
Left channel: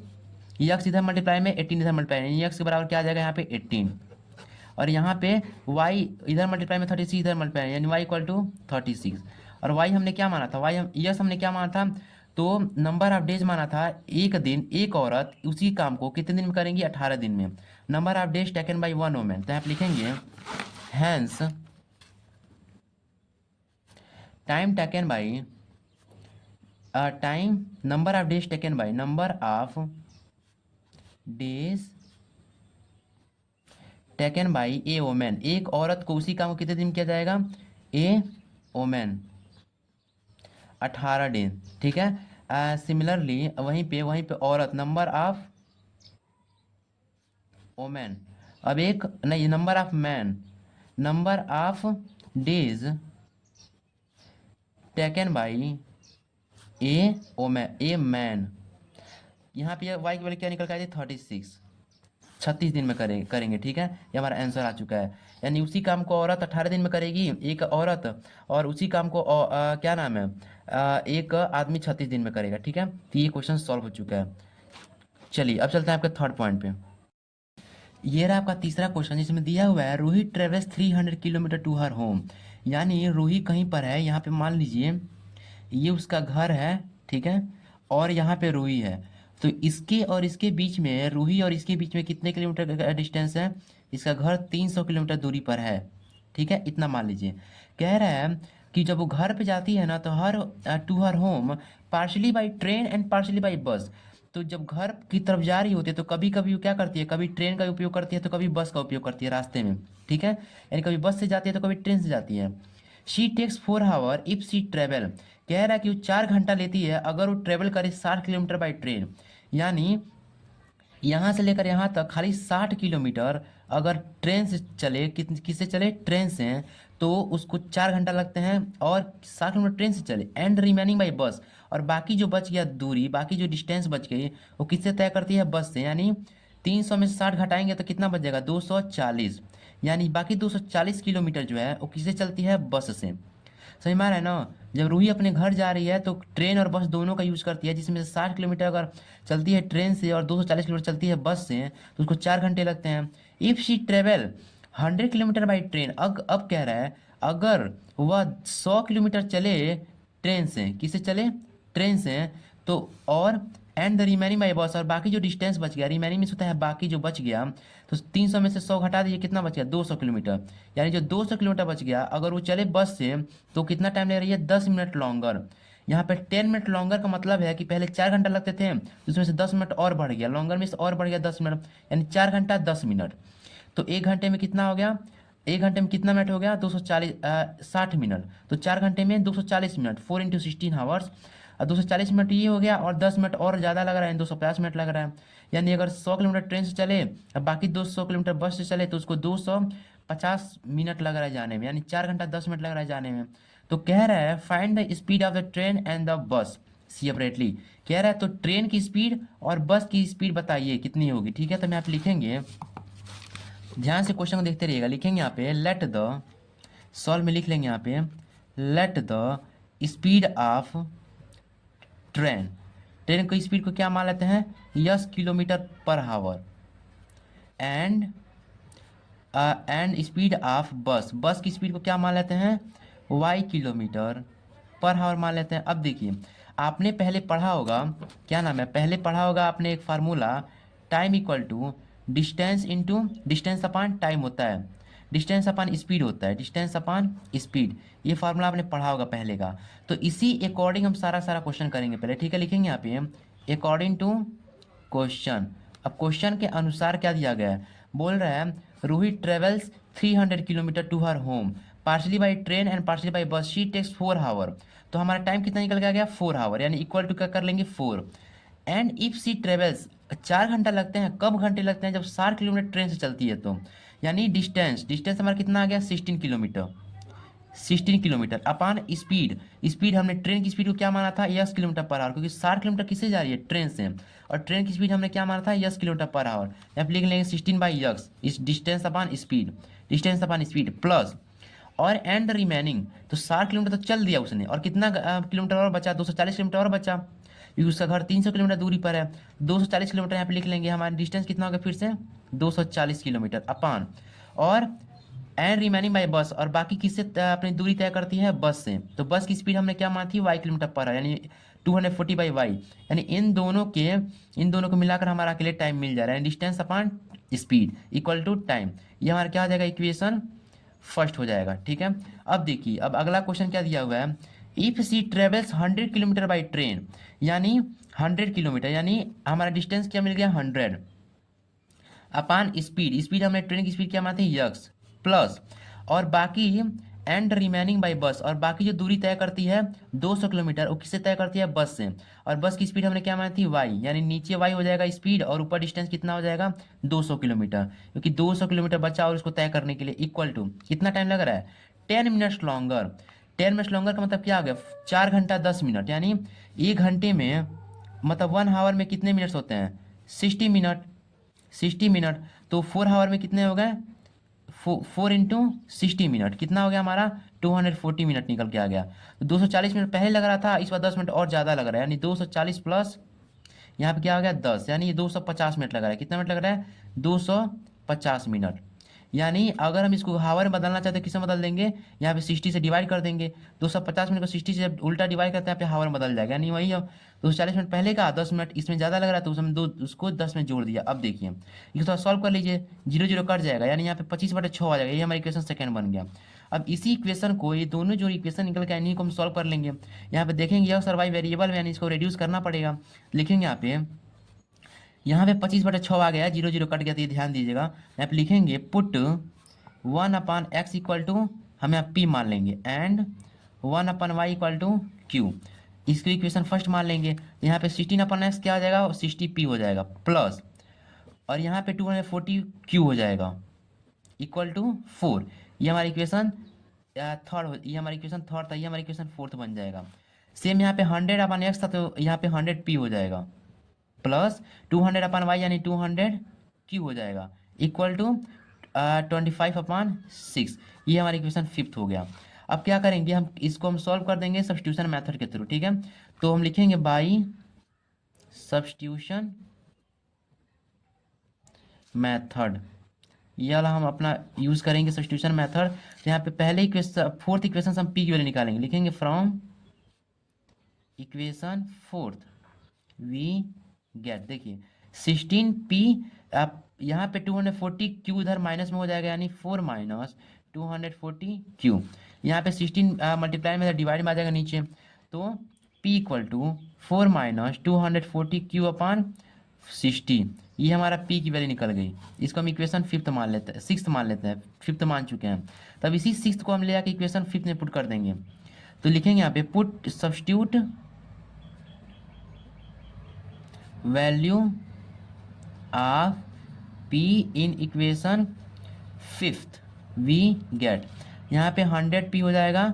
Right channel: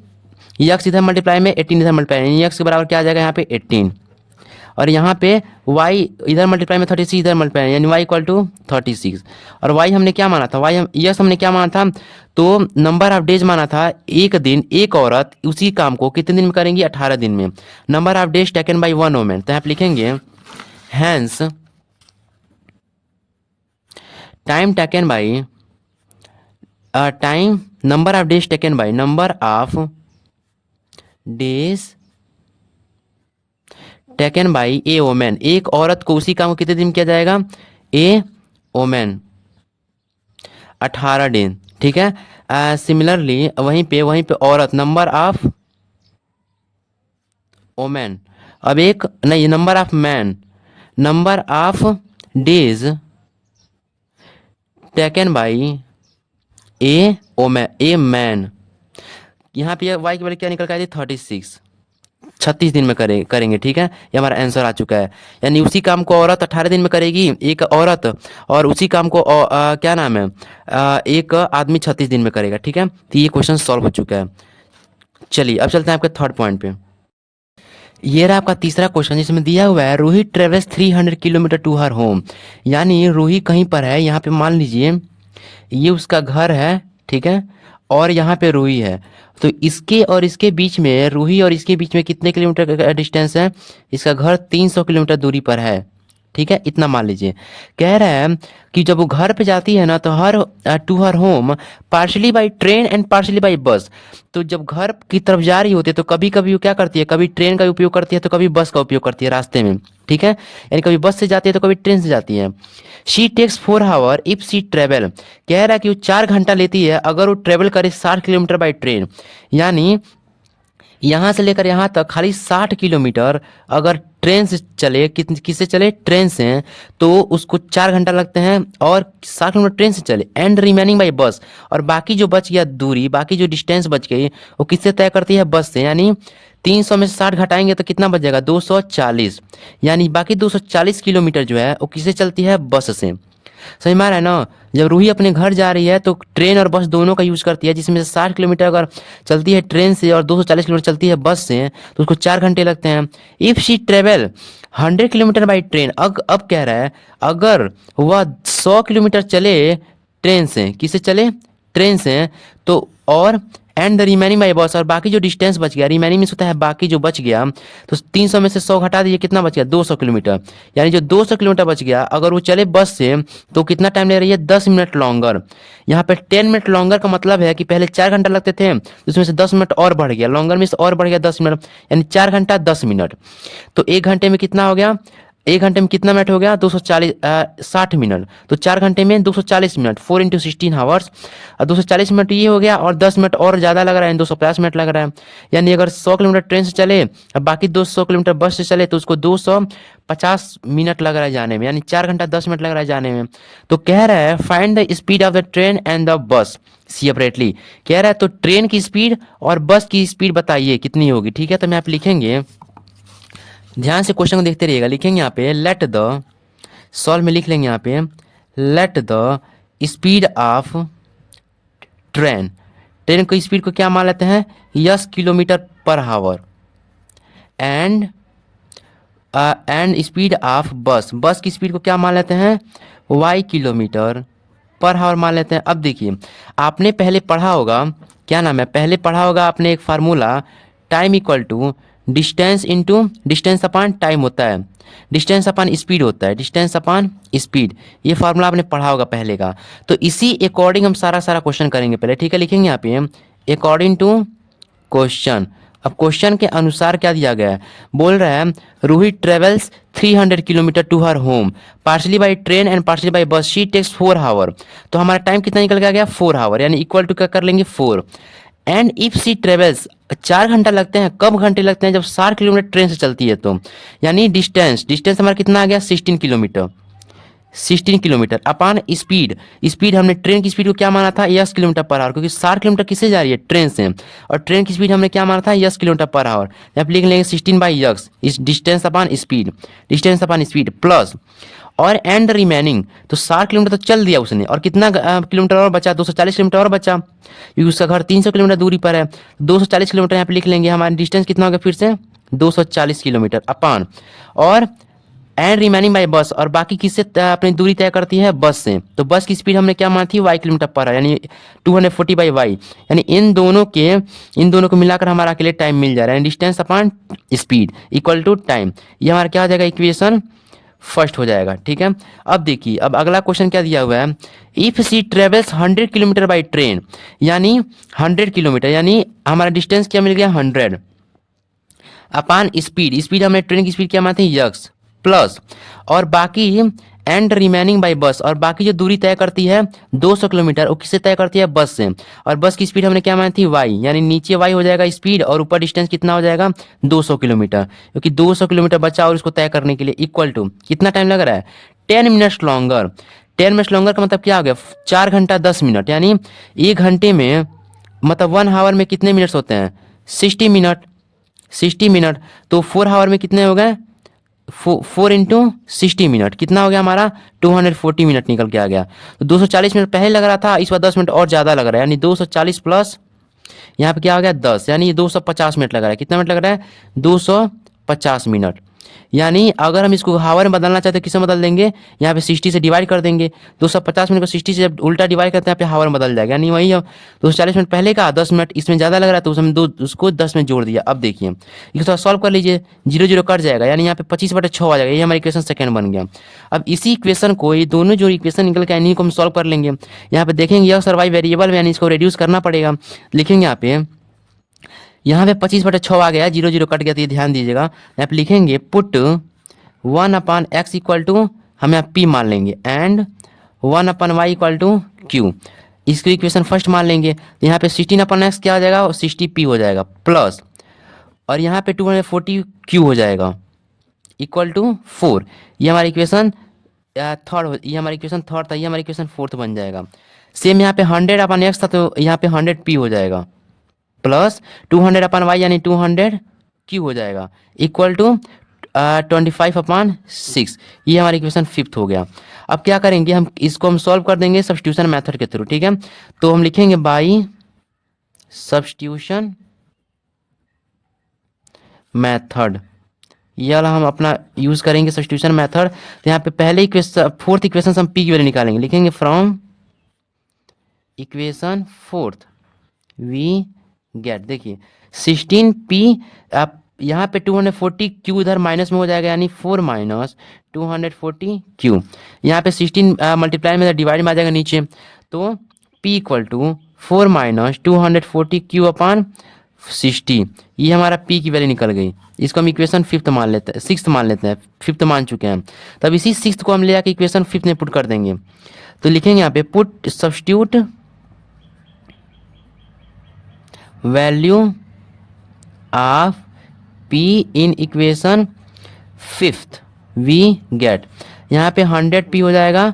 x इधर मल्टीप्लाई में 18 इधर मल्टीप्लाई, x के बराबर क्या आ जाएगा यहाँ पे 18, और यहाँ पे y इधर मल्टीप्लाई में 36 इधर मल्टीप्लाई, यानी y इक्वल टू 36, और y हमने क्या माना था, यस हमने क्या माना था, तो नंबर ऑफ डेज माना था, एक दिन एक औरत उसी काम को कितने दिन में करेंगी 18 दिन में, number of days taken by one women, तो यहाँ पे लिखेंगे hence time taken by number of days taken by number of days taken by a women, एक औरत को उसी काम को कितने दिन किया जाएगा ए वोमेन 18 दिन। ठीक है। सिमिलरली वहीं पे औरत, नंबर ऑफ ओमेन। अब एक नहीं, number of man, number of days taken by a man. यहाँ पे वाई की वैल्यू क्या निकल के आई थी? 36। 36 दिन में करेंगे, ठीक है। ये हमारा आंसर आ चुका है। यानी उसी काम को औरत 18 दिन में करेगी, एक औरत, और उसी काम को क्या नाम है, एक आदमी 36 दिन में करेगा, ठीक है। तो ये क्वेश्चन सॉल्व हो चुका है। चलिए अब चलते हैं आपके थर्ड पॉइंट पे। ये रहा आपका तीसरा क्वेश्चन, जिसमें दिया हुआ है Rohit travels 300 kilometres to her home. यानी रूही कहीं पर है, यहाँ पे मान लीजिए ये उसका घर है, ठीक है, और यहाँ पे रूही है। तो इसके और इसके बीच में, रूही और इसके बीच में कितने किलोमीटर का डिस्टेंस है? इसका घर 300 किलोमीटर दूरी पर है, ठीक है, इतना मान लीजिए। कह रहा है कि जब वो घर पे जाती है ना, तो to her home partially by train and partially by bus. तो जब घर की तरफ जा रही होती है तो कभी कभी वो क्या करती है, कभी ट्रेन का उपयोग करती है तो कभी बस का उपयोग करती है रास्ते में, ठीक है। यानी कभी बस से जाती है तो कभी ट्रेन से जाती है। She takes 4 hour if she travel. कह रहा है कि वो 4 घंटा लेती है अगर वो ट्रेवल करे 60 किलोमीटर बाई ट्रेन। यानी यहाँ से लेकर यहाँ तक खाली 60 किलोमीटर अगर ट्रेन से चले, किससे चले? ट्रेन से, तो उसको 4 घंटा लगते हैं, और 60 किलोमीटर ट्रेन से चले। एंड रिमेनिंग बाई बस, और बाकी जो बच गया दूरी, बाकी जो डिस्टेंस बच गई, वो किससे तय करती है? बस से। यानी 300 में से 60 घटाएंगे तो कितना बच जाएगा? 240। यानी बाकी 240 किलोमीटर जो है वो किससे चलती है? बस से। समझ में आ रहा है ना? जब रूही अपने घर जा रही है तो ट्रेन और बस दोनों का यूज करती है, जिसमें से 60 किलोमीटर अगर चलती है ट्रेन से और 240 किलोमीटर चलती है बस से, तो उसको 4 घंटे लगते हैं। If she travel 100 kilometres by train, अब कह रहा है अगर वह 100 किलोमीटर चले ट्रेन से, किससे चले? ट्रेन से, तो और and the remaining by bus, और बाकी जो डिस्टेंस बच गया, रिमेनिंग में होता है बाकी जो बच गया, तो 300 में से 100 घटा दीजिए, कितना बच गया? 200 किलोमीटर। यानी जो 200 किलोमीटर बच गया अगर वो चले बस से, तो कितना टाइम ले रही है? 10 मिनट लॉन्गर। यहाँ पे 10 मिनट लॉन्गर का मतलब है कि पहले 4 घंटा लगते थे, उसमें से 10 मिनट और बढ़ गया, लॉन्गर में से और बढ़ गया 10 मिनट, यानी 4 घंटा 10 मिनट। तो 1 घंटे में कितना हो गया? 1 घंटे में कितना मिनट हो गया? 60 मिनट। तो 4 घंटे में 240 मिनट, 4 × 16 आवर्स। और 240 मिनट ये हो गया, और 10 मिनट और ज़्यादा लग रहा है, 250 मिनट लग रहा है। यानी अगर 100 किलोमीटर ट्रेन से चले और बाकी 200 किलोमीटर बस से चले, तो उसको 250 मिनट लग रहा है जाने में, यानी 4 घंटा 10 मिनट लग रहा है जाने में। तो कह रहा है find the speed of the train and the bus separately. कह रहा है तो ट्रेन की स्पीड और बस की स्पीड बताइए कितनी होगी, ठीक है। तो मैं आप लिखेंगे, ध्यान से क्वेश्चन को देखते रहिएगा। लिखेंगे यहाँ पे लेट द, सॉल्व में लिख लेंगे यहाँ पे late the speed of train. Train की स्पीड को क्या मान लेते हैं? 10 kilometre per our. And speed of बस, बस की स्पीड को क्या मान लेते हैं? y किलोमीटर पर आवर मान लेते हैं। अब देखिए, आपने पहले पढ़ा होगा, क्या नाम है, पहले पढ़ा होगा आपने एक formula, time equal to distance into distance upon time होता है, डिस्टेंस अपान स्पीड होता है, डिस्टेंस अपान स्पीड। ये फार्मूला आपने पढ़ा होगा पहले का। तो इसी अकॉर्डिंग हम सारा क्वेश्चन करेंगे पहले, ठीक है। लिखेंगे यहाँ पे अकॉर्डिंग टू क्वेश्चन। अब क्वेश्चन के अनुसार क्या दिया गया है? बोल रहा है Rohit travels 300 kilometres to her home partially by train and partially by bus, she takes 4 hour. तो हमारा टाइम कितना निकल के आ गया? 4 आवर, यानी इक्वल टू क्या कर लेंगे? 4। एंड इफ सी ट्रेवल्स, 4 घंटा लगते हैं, कब घंटे लगते हैं? जब 60 किलोमीटर ट्रेन से चलती है तो। यानी डिस्टेंस हमारा कितना आ गया? 16 किलोमीटर। 16 किलोमीटर अपान स्पीड, स्पीड हमने ट्रेन की स्पीड को क्या माना था? 10 किलोमीटर पर आवर, क्योंकि 60 किलोमीटर किससे जा रही है? ट्रेन से। और ट्रेन की स्पीड हमने क्या माना था? 10 किलोमीटर पर आवर। यहाँ पे लिख लेंगे 16/x, इस डिस्टेंस अपान स्पीड प्लस, और एंड रिमेनिंग, तो 60 किलोमीटर तो चल दिया उसने, और कितना किलोमीटर और बचा? 240 किलोमीटर और बचा, क्योंकि उसका घर 300 किलोमीटर दूरी पर है। 240 किलोमीटर यहाँ पे लिख लेंगे, हमारा डिस्टेंस कितना हो गया फिर से? 240 किलोमीटर अपान, और एंड रिमेनिंग बाई बस, और बाकी किससे अपनी दूरी तय करती है? बस से। तो बस की स्पीड हमने क्या मानी थी? y किलोमीटर पर है, यानी 240/y। यानी इन दोनों को मिलाकर हमारा के लिए टाइम मिल जा रहा है, distance upon speed equal to time. ये हमारा क्या हो जाएगा? इक्वेशन फर्स्ट हो जाएगा, ठीक है। अब देखिए, अब अगला क्वेश्चन क्या दिया हुआ है? If she travels 100 kilometres by train, यानी 100 किलोमीटर, यानी हमारा डिस्टेंस क्या मिल गया? 100 अपान स्पीड हमने ट्रेन की स्पीड क्या मानते हैं? यक्स प्लस, और बाकी एंड रिमेनिंग बाई बस, और बाकी जो दूरी तय करती है 200 किलोमीटर, वो किससे तय करती है? बस से। और बस की स्पीड हमने क्या मानी थी? वाई, यानी नीचे वाई हो जाएगा स्पीड और ऊपर डिस्टेंस कितना हो जाएगा? 200 किलोमीटर, क्योंकि 200 किलोमीटर बचा और इसको तय करने के लिए इक्वल टू कितना टाइम लग रहा है? 10 मिनट्स लॉन्गर। 10 मिनट्स लॉन्गर का मतलब क्या हो गया? 4 घंटा 10 मिनट, यानी 1 घंटे में मतलब 1 आवर में कितने मिनट्स होते हैं? 60 मिनट। 60 मिनट, तो 4 आवर में कितने हो गए? 4 × 60 मिनट कितना हो गया हमारा? 240 मिनट निकल के आ गया। तो 240 मिनट पहले लग रहा था, इस बार 10 मिनट और ज़्यादा लग रहा है, यानी 240 प्लस यहाँ पे क्या हो गया? 10, यानी ये 250 मिनट लग रहा है। कितना मिनट लग रहा है? 250 मिनट। यानी अगर हम इसको हावर में बदलना चाहते हैं, किससे बदल देंगे? यहाँ पे 60 से डिवाइड कर देंगे। 250 मिनट को 60 से जब उल्टा डिवाइड करते हैं, यहाँ पे हावर में बदल जाएगा, यानी वही 240 मिनट पहले का, 10 मिनट इसमें ज़्यादा लग रहा है, तो उसमें उसको 10 में जोड़ दिया। अब देखिए इसको थोड़ा सॉल्व कर लीजिए, 0 0 कट जाएगा, यानी यहाँ पे 25/6 आ जाएगा। ये हमारा इक्वेशन सेकंड बन गया। अब इसी इक्वेशन को, ये दोनों जो इक्वेशन निकल के इन्हीं को हम सॉल्व कर लेंगे। यहाँ पे देखेंगे यह सर वाई वेरिएबल में, यानी इसको रिड्यूस करना पड़ेगा। लिखेंगे यहाँ पे 25/6 आ गया, 0 0 कट गया, तो ये ध्यान दीजिएगा। यहाँ पे लिखेंगे पुट 1/x इक्वल टू, हम यहाँ p मान लेंगे, and 1/y equal to q। इसको इक्वेशन फर्स्ट मान लेंगे, तो यहाँ पे 16/x क्या हो जाएगा? 60p हो जाएगा, प्लस और यहाँ पे 240q हो जाएगा इक्वल टू 4। ये हमारा इक्वेशन थर्ड, ये हमारा इक्वेशन थर्ड था, ये हमारा इक्वेशन फोर्थ बन जाएगा। सेम यहाँ पे 100/x था, तो यहाँ पे 100p हो जाएगा, प्लस 200/y यानी 200q हो जाएगा, इक्वल टू 25/6। ये हमारा इक्वेशन फिफ्थ हो गया। अब क्या करेंगे, हम इसको हम सॉल्व कर देंगे सब्स्टिट्यूशन मेथड के थ्रू, ठीक है। तो हम लिखेंगे बाई सब्स्टिट्यूशन मेथड, ये वाला हम अपना यूज करेंगे सब्स्टिट्यूशन मेथड। तो यहाँ पे पहले इक्वेशन, फोर्थ इक्वेशन हम p की वैल्यू निकालेंगे। लिखेंगे from equation fourth we get, देखिए 16p, आप यहाँ पे 240q इधर माइनस में हो जाएगा, यानी 4 - 240q। यहाँ पे 16 मल्टीप्लाई में डिवाइड में आ जाएगा नीचे, तो p इक्वल टू 4 - 240q/60। ये हमारा p की वैल्यू निकल गई। इसको हम इक्वेशन फिफ्थ मान लेते हैं, सिक्स्थ मान लेते हैं, फिफ्थ मान चुके हैं। तब इसी सिक्स्थ को हम ले आके इक्वेशन फिफ्थ में पुट कर देंगे। तो लिखेंगे यहाँ पे put substitute value of p in equation fifth we get. यहाँ पे 100p हो जाएगा,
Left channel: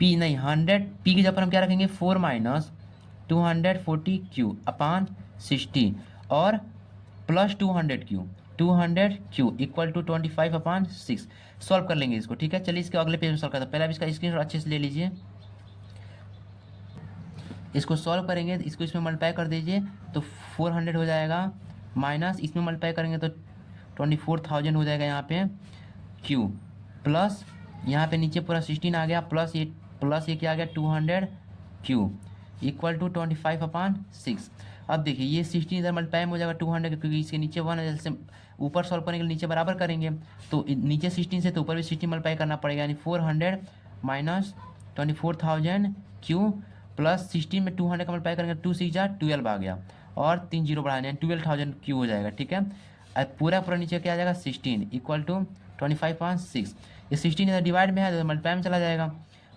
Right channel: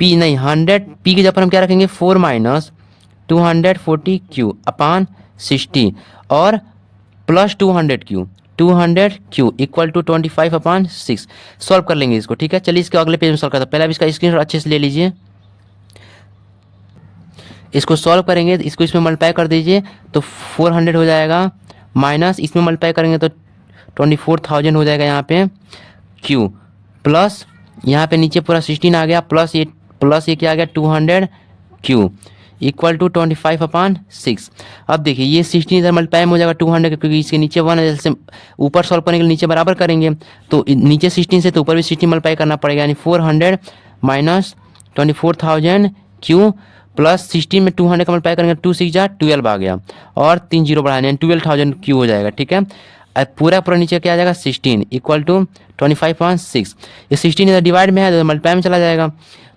p नहीं 100p की जगह पर हम क्या रखेंगे? 4 - 240q/60 और plus 200q equal to 25/6। Solve कर लेंगे इसको, ठीक है। चलिए इसके अगले पेज में सॉल्व करते हैं। पहले आप इसका स्क्रीनशॉट अच्छे से ले लीजिए। इसको सॉल्व करेंगे, इसको इसमें मल्टीप्लाई कर दीजिए तो 400 हो जाएगा, माइनस इसमें मल्टीप्लाई करेंगे तो 24,000 हो जाएगा यहाँ पे q, प्लस यहाँ पे नीचे पूरा 16 आ गया, प्लस ये क्या आ गया 200q इक्वल टू 25/6। अब देखिए ये 16 इधर मल्टीप्लाई में हो जाएगा 200, क्योंकि इसके नीचे 1 है, जैसे ऊपर सॉल्व करने के लिए नीचे बराबर करेंगे, तो नीचे 16 से तो ऊपर भी 16 मल्टीप्लाई करना पड़ेगा, यानी 400 - 24,000q प्लस 16 में 200 का मल्टीप्लाई करेंगे, 2 6 12 आ गया, और 3 0 बढ़ाने, यानी 12,000q हो जाएगा, ठीक है। अब पूरा नीचे क्या आ जाएगा 16 इक्वल टू 25/6। ये 16 इधर डिवाइड में है तो मल्टीप्लाई में चला जाएगा,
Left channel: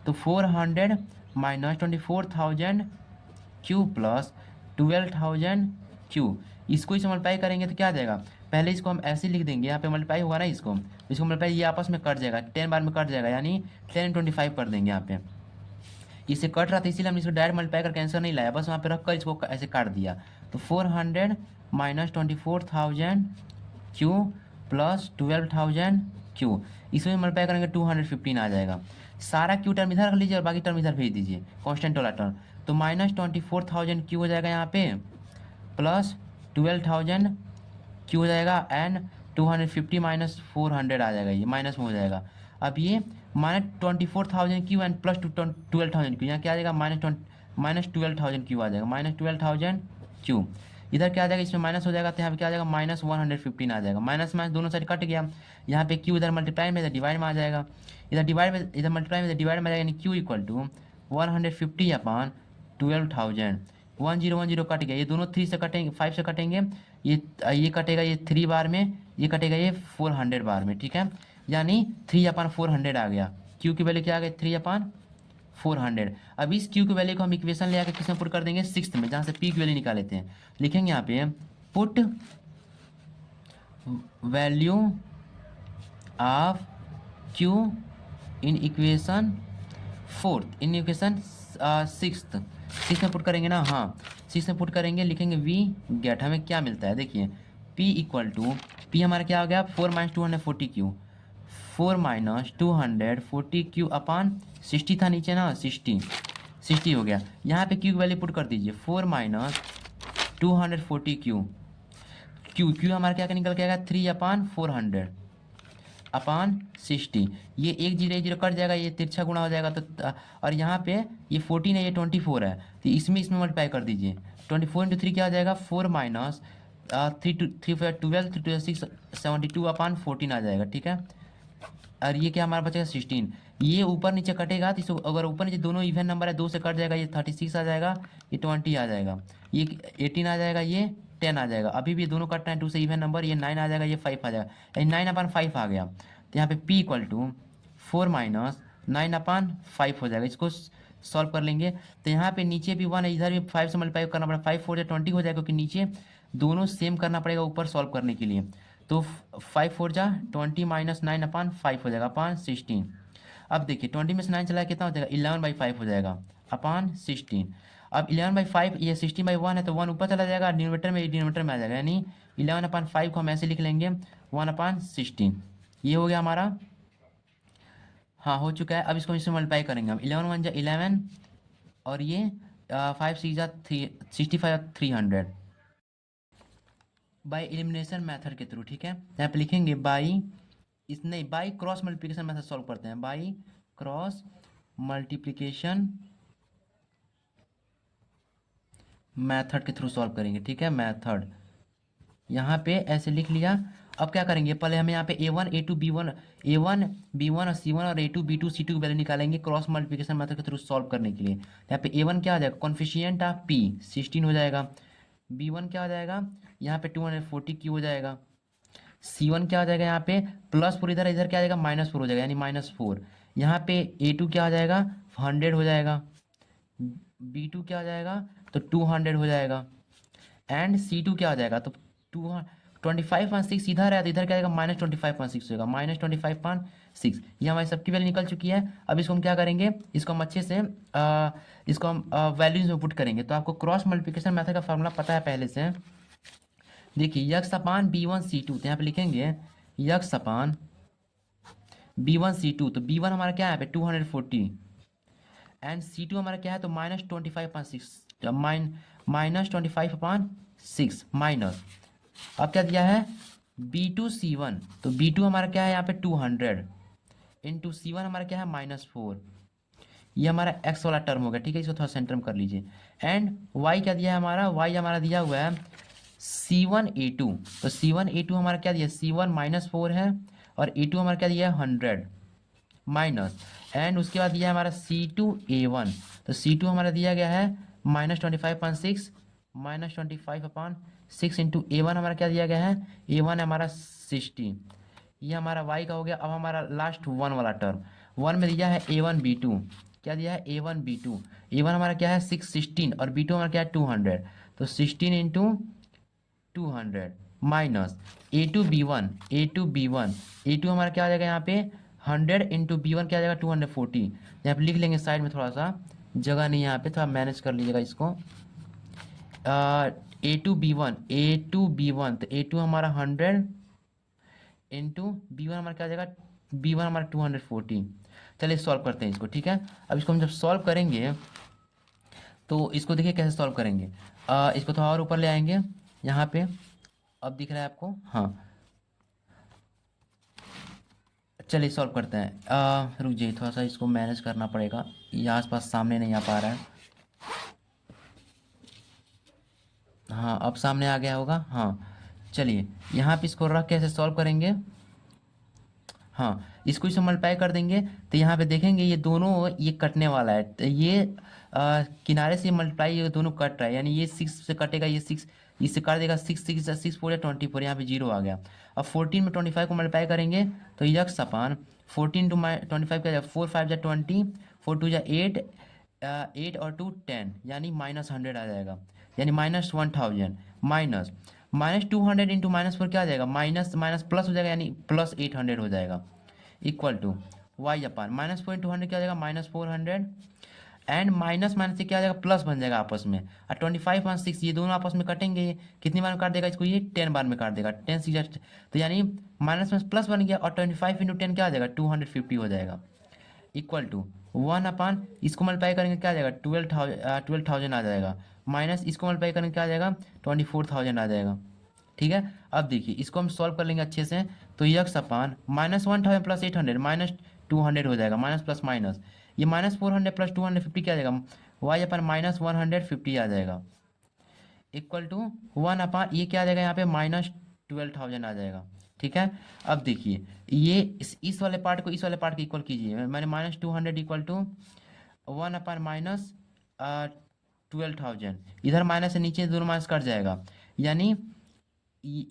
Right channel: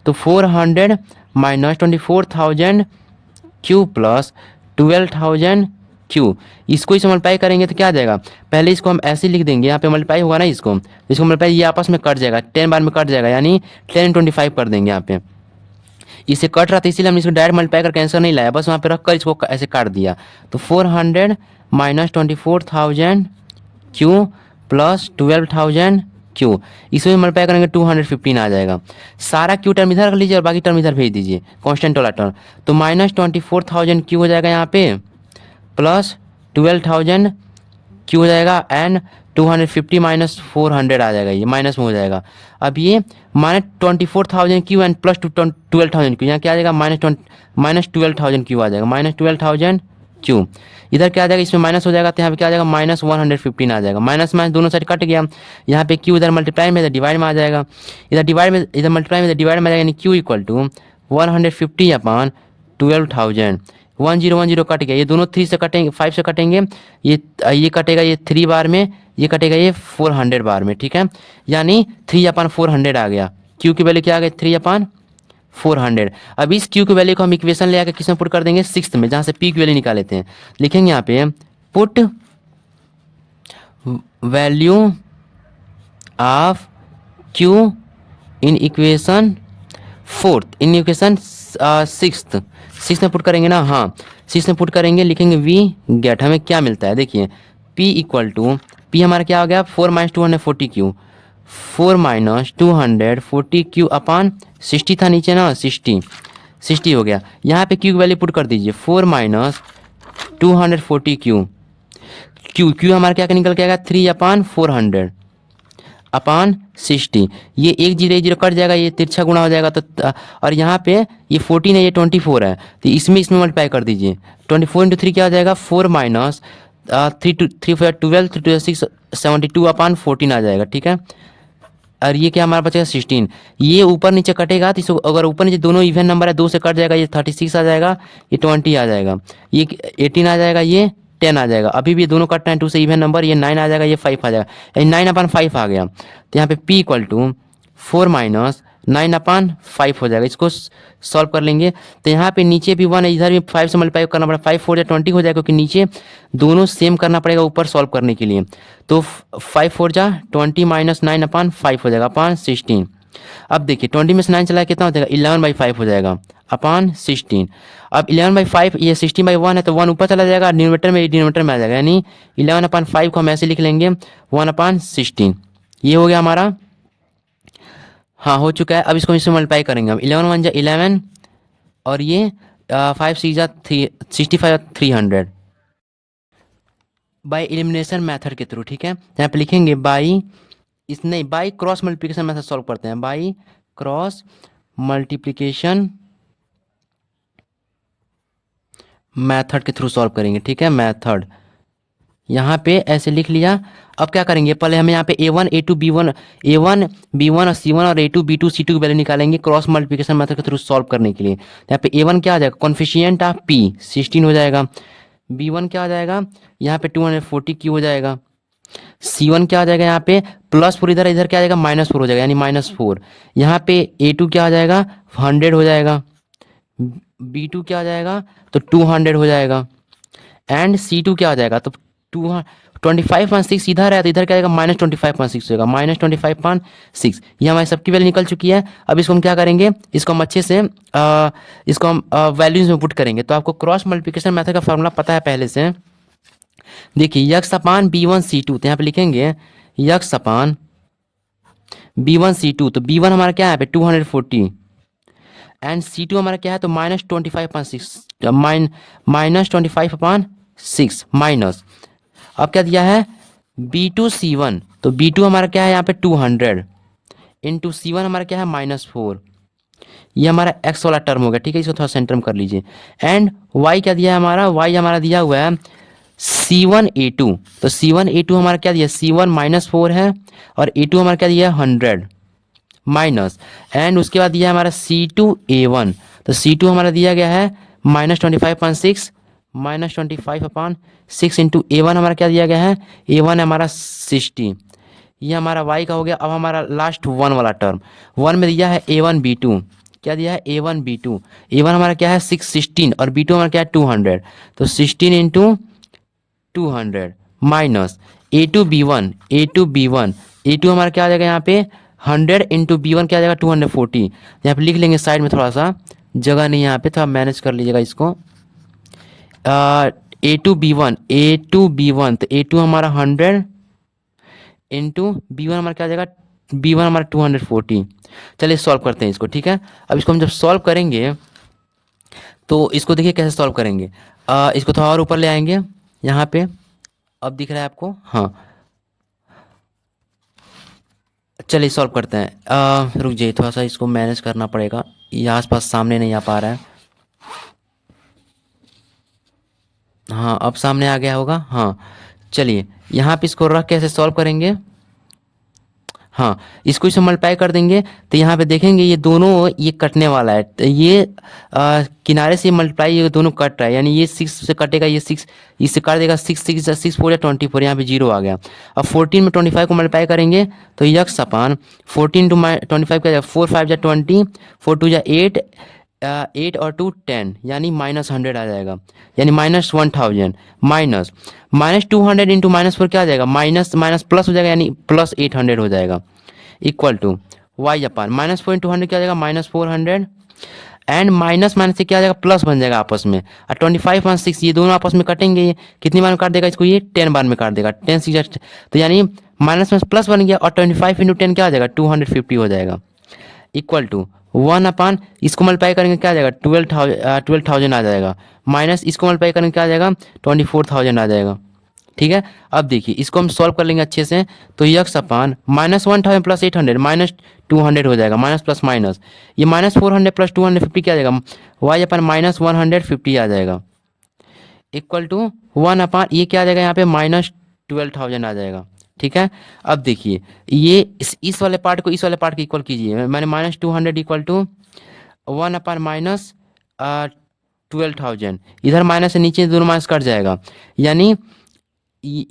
तो 400 - 24,000q प्लस 12,000q, इसको इसे मल्टीप्लाई करेंगे तो क्या आ जाएगा? पहले इसको हम ऐसे लिख देंगे, यहाँ पे मल्टीप्लाई होगा ना, इसको मल्टीप्लाई ये आपस में कट जाएगा, 10 बार में कट जाएगा, यानी 10 × 25 कर देंगे। यहाँ पे इसे कट रहा था, इसीलिए हमने इसको डायरेक्ट मल्टीप्लाई करके आंसर नहीं लाया, बस वहाँ पे रखकर इसको ऐसे काट दिया। तो 400 - 24,000q प्लस 12,000q, इसमें मल्टीप्लाई करेंगे 215 आ जाएगा। सारा q टर्म इधर रख लीजिए और बाकी टर्म इधर भेज दीजिए, कांस्टेंट वाला टर्म। तो -24,000q हो जाएगा यहाँ पे, प्लस 12,000q हो जाएगा, एंड 250 - 400 आ जाएगा, ये माइनस में हो जाएगा। अब ये -24,000q एंड प्लस 12,000q, यहाँ क्या आ जाएगा? -12,000q आ जाएगा, -12,000q। इधर क्या आ जाएगा? इसमें माइनस हो जाएगा, तो यहाँ पे क्या आ जाएगा? -115 आ जाएगा। माइनस माइनस दोनों साइड कट गया, यहाँ पे q इधर मल्टीप्लाई में, इधर डिवाइड में आ जाएगा, इधर डिवाइड में, इधर मल्टीप्लाई में, इधर डिवाइड में आ जाएगा, यानी q इक्वल टू 150/12,000। 1 0 1 0 कट गया, ये दोनों 3 से कटेंगे, 5 से कटेंगे, ये कटेगा ये 3 बार में, ये कटेगा ये 400 बार में, ठीक है। यानी 3/400 आ गया, क्यू की वैल्यू क्या आ गई 3/400। अब इस क्यू की वैल्यू को हम इक्वेशन ले आकर किस में पुट कर देंगे, सिक्स्थ में, जहाँ से पी की वैल्यू निकाल लेते हैं। लिखेंगे यहाँ पे put value of q in equation fourth, in equation sixth. Six में पुट करेंगे ना, हाँ सिक्स में पुट करेंगे, लिखेंगे वी गेट, हमें क्या मिलता है देखिए, पी इक्वल टू, पी हमारा क्या हो गया 4-240 क्यू, 4-240 क्यू अपान 60 था नीचे ना, 60 हो गया। यहाँ पे क्यू की वैल्यू पुट कर दीजिए 4-240 क्यू, क्यू क्यू हमारा क्या निकल के आएगा 3/400 अपान 60। ये एक जीरो कट जाएगा, ये तिरछा गुणा हो जाएगा तो और यहाँ पे ये 14 है, ये 24 है, तो इसमें मल्टीप्लाई कर दीजिए। 24 × 3 क्या हो जाएगा 4-3 12 6 72/14 आ जाएगा, ठीक है। और ये क्या हमारा बचेगा 16। ये ऊपर नीचे कटेगा तो इसको अगर ऊपर नीचे दोनों इवन नंबर है 2 से कट जाएगा, ये 36 आ जाएगा, ये 20 आ जाएगा, ये 18 आ जाएगा, ये 10 आ जाएगा। अभी भी दोनों कट रहे हैं 2 से इवन नंबर, ये 9 आ जाएगा, ये 5 आ जाएगा, यानी 9/5 आ गया। तो यहाँ पे p इक्वल टू 4-9/5 हो जाएगा। इसको सॉल्व कर लेंगे तो यहाँ पे नीचे भी 1 है, इधर भी 5 से मल्टीप्लाई करना पड़ेगा, 5 4 जा 20 हो जाएगा, क्योंकि नीचे दोनों सेम करना पड़ेगा ऊपर सॉल्व करने के लिए। तो 5 4 जा 20 -9/5 हो जाएगा अपान 16। अब देखिए 20 में से 9 चला कितना हो जाएगा 11/5 हो जाएगा अपान 16। अब 11/5 ये 16/1 है तो 1 ऊपर चला जाएगा, डिनोमीटर में आ जाएगा, यानी 11/5 को हम ऐसे लिख लेंगे 1/16। ये हो गया हमारा, हाँ हो चुका है। अब इसको इसमें मल्टीप्लाई करेंगे हम, 11 1 जा 11 और ये 5 6 जा 65 300 बाय एलिमिनेशन मेथड के थ्रू, ठीक है। यहाँ पे लिखेंगे बाई नहीं, by cross multiplication method solve करते हैं, बाई क्रॉस मल्टीप्लिकेशन मेथड के थ्रू सॉल्व करेंगे, ठीक है। मेथड यहाँ पे ऐसे लिख लिया। अब क्या करेंगे, पहले हमें यहाँ पे a1 a2 b1 और c1 और a2 b2 c2 की वैल्यू निकालेंगे क्रॉस मल्टीप्लिकेशन मेथड के थ्रू सॉल्व करने के लिए। यहाँ पे a1 क्या आ जाएगा कॉन्फिशिएंट ऑफ p 16 हो जाएगा, b1 क्या आ जाएगा यहाँ पे 240 हो जाएगा, c1 क्या आ जाएगा यहाँ पे +4, इधर इधर क्या आ जाएगा -4 हो जाएगा, यानी -4। यहाँ पे a2 क्या आ जाएगा 100 हो जाएगा, b2 क्या आ जाएगा तो 200 हो जाएगा, एंड c2 क्या आ जाएगा तो 25.6 इधर है तो इधर क्या आएगा -25.6 होगा, -25.6। ये हमारी सबकी वैल्यू निकल चुकी है। अब इसको हम क्या करेंगे, इसको हम अच्छे से इसको हम वैल्यूज में पुट करेंगे। तो आपको क्रॉस मल्टीप्लिकेशन मेथड का फॉर्मूला पता है पहले से, देखिए यक्स अपान b1 c2, तो यहाँ पे लिखेंगे यक्स अपान b1 c2, तो b1 हमारा क्या है यहाँ पे 240 एंड c2 हमारा क्या है तो -25.6 -25/6 माइनस, अब क्या दिया है b2 c1, तो b2 हमारा क्या है यहाँ पे 200 इंटू c1 हमारा क्या है -4। ये हमारा x वाला टर्म हो गया, ठीक है। इसको थोड़ा सेंटर में कर लीजिए। एंड y क्या दिया है हमारा, y हमारा दिया हुआ है c1 a2, तो c1 a2 हमारा क्या दिया c1 -4 है और a2 हमारा क्या दिया 100 माइनस, एंड उसके बाद दिया है हमारा c2 a1, तो c2 हमारा दिया गया है -25.6 -25/6 इंटू a1 हमारा क्या दिया गया है a1 हमारा 60। ये हमारा y का हो गया। अब हमारा लास्ट 1 वाला टर्म, 1 में दिया है a1 b2, क्या दिया है a1 b2, a1 हमारा क्या है 16 और b2 हमारा क्या है 200, तो 16 into 200 minus a2 b1 a2 हमारा क्या आ जाएगा यहाँ पे 100 इंटू b1 क्या आ जाएगा 240। यहाँ पे लिख लेंगे साइड में, थोड़ा सा जगह नहीं है यहाँ पे, थोड़ा मैनेज कर लीजिएगा इसको। a2 b1 तो a2 हमारा 100 इंटू b1 हमारा क्या आ जाएगा b1 हमारा 240। चलिए सॉल्व करते हैं इसको, ठीक है। अब इसको हम जब सॉल्व करेंगे तो इसको देखिए कैसे सॉल्व करेंगे। इसको थोड़ा और ऊपर ले आएंगे यहाँ पे, अब दिख रहा है आपको, हाँ चलिए सॉल्व करते हैं। रुक जाइए, थोड़ा सा इसको मैनेज करना पड़ेगा, ये आसपास सामने नहीं आ पा रहा है। हाँ अब सामने आ गया होगा, हाँ चलिए यहाँ पे इसको रख के ऐसे सॉल्व करेंगे। हाँ, इसको इससे मल्टीप्लाई कर देंगे तो यहाँ पे देखेंगे ये दोनों ये कटने वाला है, तो ये किनारे से मल्टीप्लाई ये दोनों कट रहा है, यानी ये 6 से कटेगा, ये 6 इससे काट देगा, 6 या 24, यहाँ पे 0 आ गया। अब 14 में 25 को मल्टीप्लाई करेंगे तो यक्स अपान 14 टू 25 क्या जाएगा, 4 5 जा 20, 4 2 जा 8, 8 और 2 10, यानी -100 आ जाएगा, यानी -1000 माइनस -200 इंटू -4 क्या आ जाएगा, माइनस माइनस प्लस हो जाएगा, यानी +800 हो जाएगा, equal to y upon -4 into 100 क्या आ जाएगा, -400 एंड माइनस माइनस से क्या आ जाएगा, प्लस बन जाएगा आपस में। और 25 और 6 ये दोनों आपस में कटेंगे, ये कितनी बार में काट देगा इसको, ये 10 बार में काट देगा, 10 6 तो यानी माइनस में प्लस बन गया, और 25 इंटू 10 क्या आ जाएगा, 250 हो जाएगा, इक्वल टू 1 अपान इसको मल्टीप्लाई करेंगे क्या आ जाएगा, 12,000 आ जाएगा, माइनस इसको मल्टीप्लाई करेंगे क्या आ जाएगा, 24,000 आ जाएगा। ठीक है, अब देखिए इसको हम सॉल्व कर लेंगे अच्छे से, तो यक्स अपान -1000 प्लस 800 -200 हो जाएगा, माइनस प्लस माइनस, ये -400 प्लस 250 क्या आ जाएगा, वाई अपान -150 आ जाएगा, इक्वल टू 1 अपान ये क्या आ जाएगा यहाँ पे, -12,000 आ जाएगा। ठीक है, अब देखिए ये इस वाले पार्ट को इस वाले पार्ट के इक्वल कीजिए, मैंने -200 इक्वल टू 1 अपान -12,000, इधर माइनस से नीचे दोनों माइनस कट जाएगा, यानी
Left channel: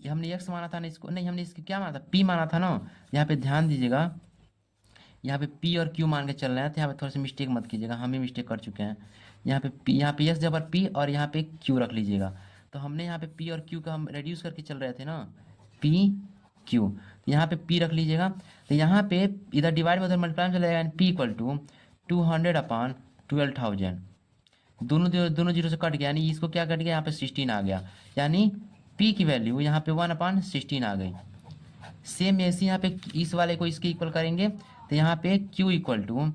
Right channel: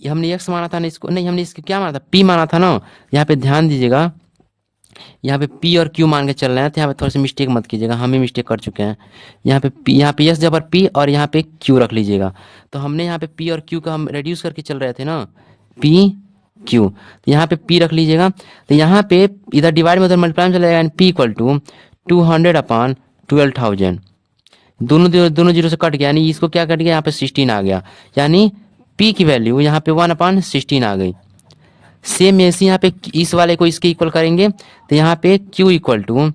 हमने एक्स माना था ना, इसको नहीं, हमने इसको क्या माना था, पी माना था ना, यहाँ पे ध्यान दीजिएगा, यहाँ पे पी और क्यू मान के चल रहे हैं, तो यहाँ पे थोड़ा सा मिस्टेक मत कीजिएगा, हम ही मिस्टेक कर चुके हैं, यहाँ पे पी, यहाँ पे एस जबर पी और यहाँ पे क्यू रख लीजिएगा, तो हमने यहाँ पे पी और क्यू का हम रेड्यूस करके चल रहे थे ना, पी क्यू, यहाँ पे पी रख लीजिएगा, तो यहाँ पे इधर डिवाइड में उधर मल्टीप्लाई में चला जाएगा, पी इक्वल टू 200 अपान 12,000, दोनों जीरो से कट गया, यानी इसको क्या कट गया, यहाँ पे 16 आ गया, यानी पी की वैल्यू यहाँ पे 1 अपान 16 आ गई। सेम ऐसे यहाँ पे इस वाले को इसके इक्वल करेंगे, तो यहाँ पे क्यू इक्वल टू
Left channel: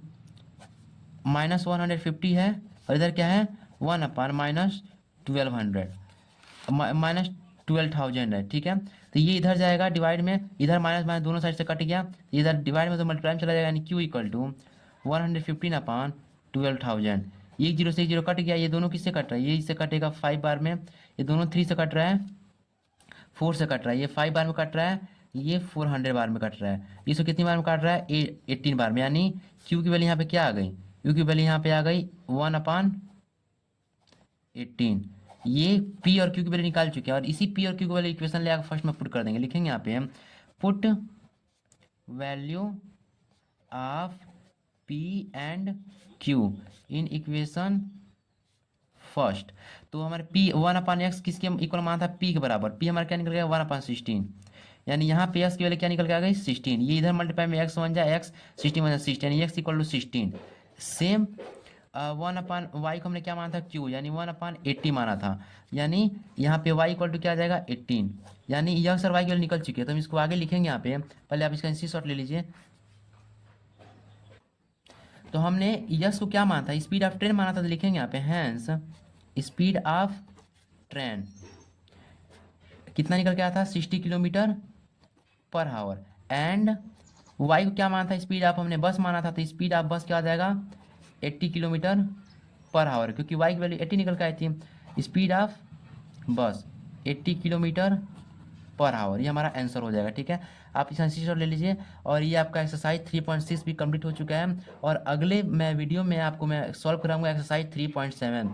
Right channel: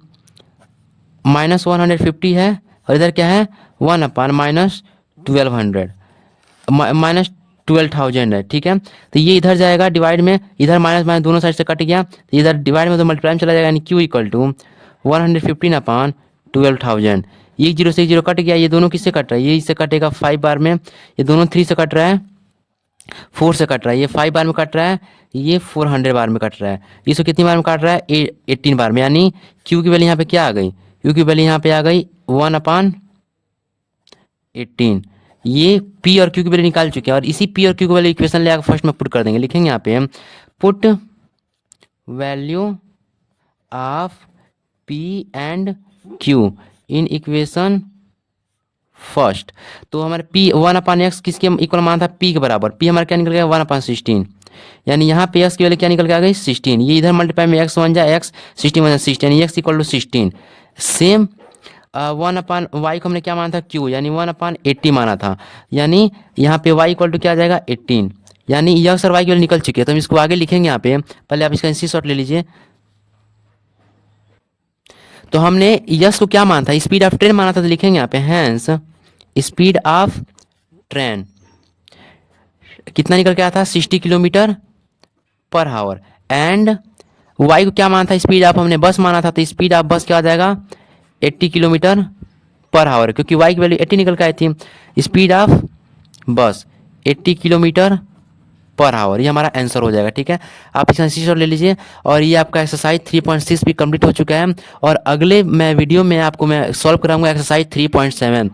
-150 है, और इधर क्या है 1 अपान -1200 है। ठीक है, तो ये इधर जाएगा डिवाइड में, इधर माइनस माइनस दोनों साइड से कट गया, तो इधर डिवाइड में तो मल्टीप्लाई में चला जाएगा, यानी क्यू इक्वल टू 115 अपान 12,000, ये 0 से 0 कट गया, ये दोनों किससे कट रहा है, ये इससे कटेगा 5 बार में, ये दोनों 3 से कट रहा है, 4 से कट रहा है, ये 5 बार में कट रहा है, ये 400 बार में कट रहा है, इसको कितनी बार में काट रहा है, 18 बार में, यानी क्यू की वैल्यू यहाँ पे क्या आ गई, क्यू की वैल्यू यहाँ पे आ गई 1 अपान 18। ये पी और क्यू की वैल्यू निकाल चुके हैं, और इसी पी और क्यू की वैल्यू इक्वेशन ले आकर फर्स्ट में पुट कर देंगे, लिखेंगे यहाँ पे put value of P and Q in equation first, तो हमारे पी 1 अपान एक्स किसके इक्वल माना था, पी के बराबर, पी हमारा क्या निकल गया 1 अपान 16, यानी यहाँ पे एक्स की वैल्यू क्या निकल के आ गई 16, ये इधर मल्टीप्लाई में एक्स 1 जा एक्स 16 1 16, यानी x equal to 16। Same 1 upon y को हमने क्या माना था क्यू, यानी 1 अपान 80 माना था, यानी यहाँ पे वाई इक्वल टू क्या आ जाएगा 18, यानी यह और वाई की वैल्यू निकल चुकी है, तो हम इसको आगे लिखेंगे यहाँ पे, पहले आप इसका स्क्रीनशॉट ले लीजिए। तो हमने यस को क्या माना था, स्पीड ऑफ ट्रेन माना था, तो लिखेंगे यहाँ पे हैंस स्पीड ऑफ ट्रेन कितना निकल के आया था 60 kilometre per our, and Y को क्या माना था, स्पीड ऑफ हमने बस माना था, तो स्पीड ऑफ बस क्या आ जाएगा 80 किलोमीटर पर आवर, क्योंकि वाई की वैल्यू 80 निकल के आई थी, स्पीड ऑफ बस 80 किलोमीटर पर आवर, ये हमारा आंसर हो जाएगा। ठीक है, आप इसका स्क्रीनशॉट ले लीजिए, और ये आपका एक्सरसाइज 3.6 भी कंप्लीट हो चुका है, और अगले मैं वीडियो में आपको मैं सॉल्व कराऊंगा एक्सरसाइज 3.7।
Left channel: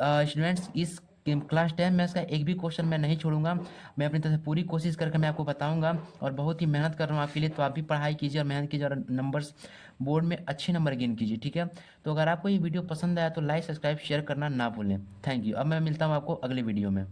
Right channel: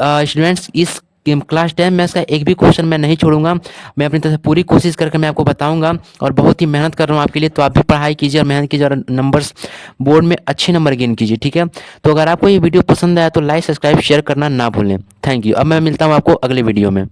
स्टूडेंट्स इस क्लास 10 मैथ्स का एक भी क्वेश्चन मैं नहीं छोड़ूंगा, मैं अपनी तरफ से पूरी कोशिश करके मैं आपको बताऊंगा, और बहुत ही मेहनत कर रहा हूँ आपके लिए, तो आप भी पढ़ाई कीजिए और मेहनत कीजिए, और नंबर्स बोर्ड में अच्छे नंबर गेन कीजिए। ठीक है, तो अगर आपको ये वीडियो पसंद आया तो लाइक सब्सक्राइब शेयर करना ना भूलें। Thank you. अब मैं मिलता हूँ आपको अगले वीडियो में।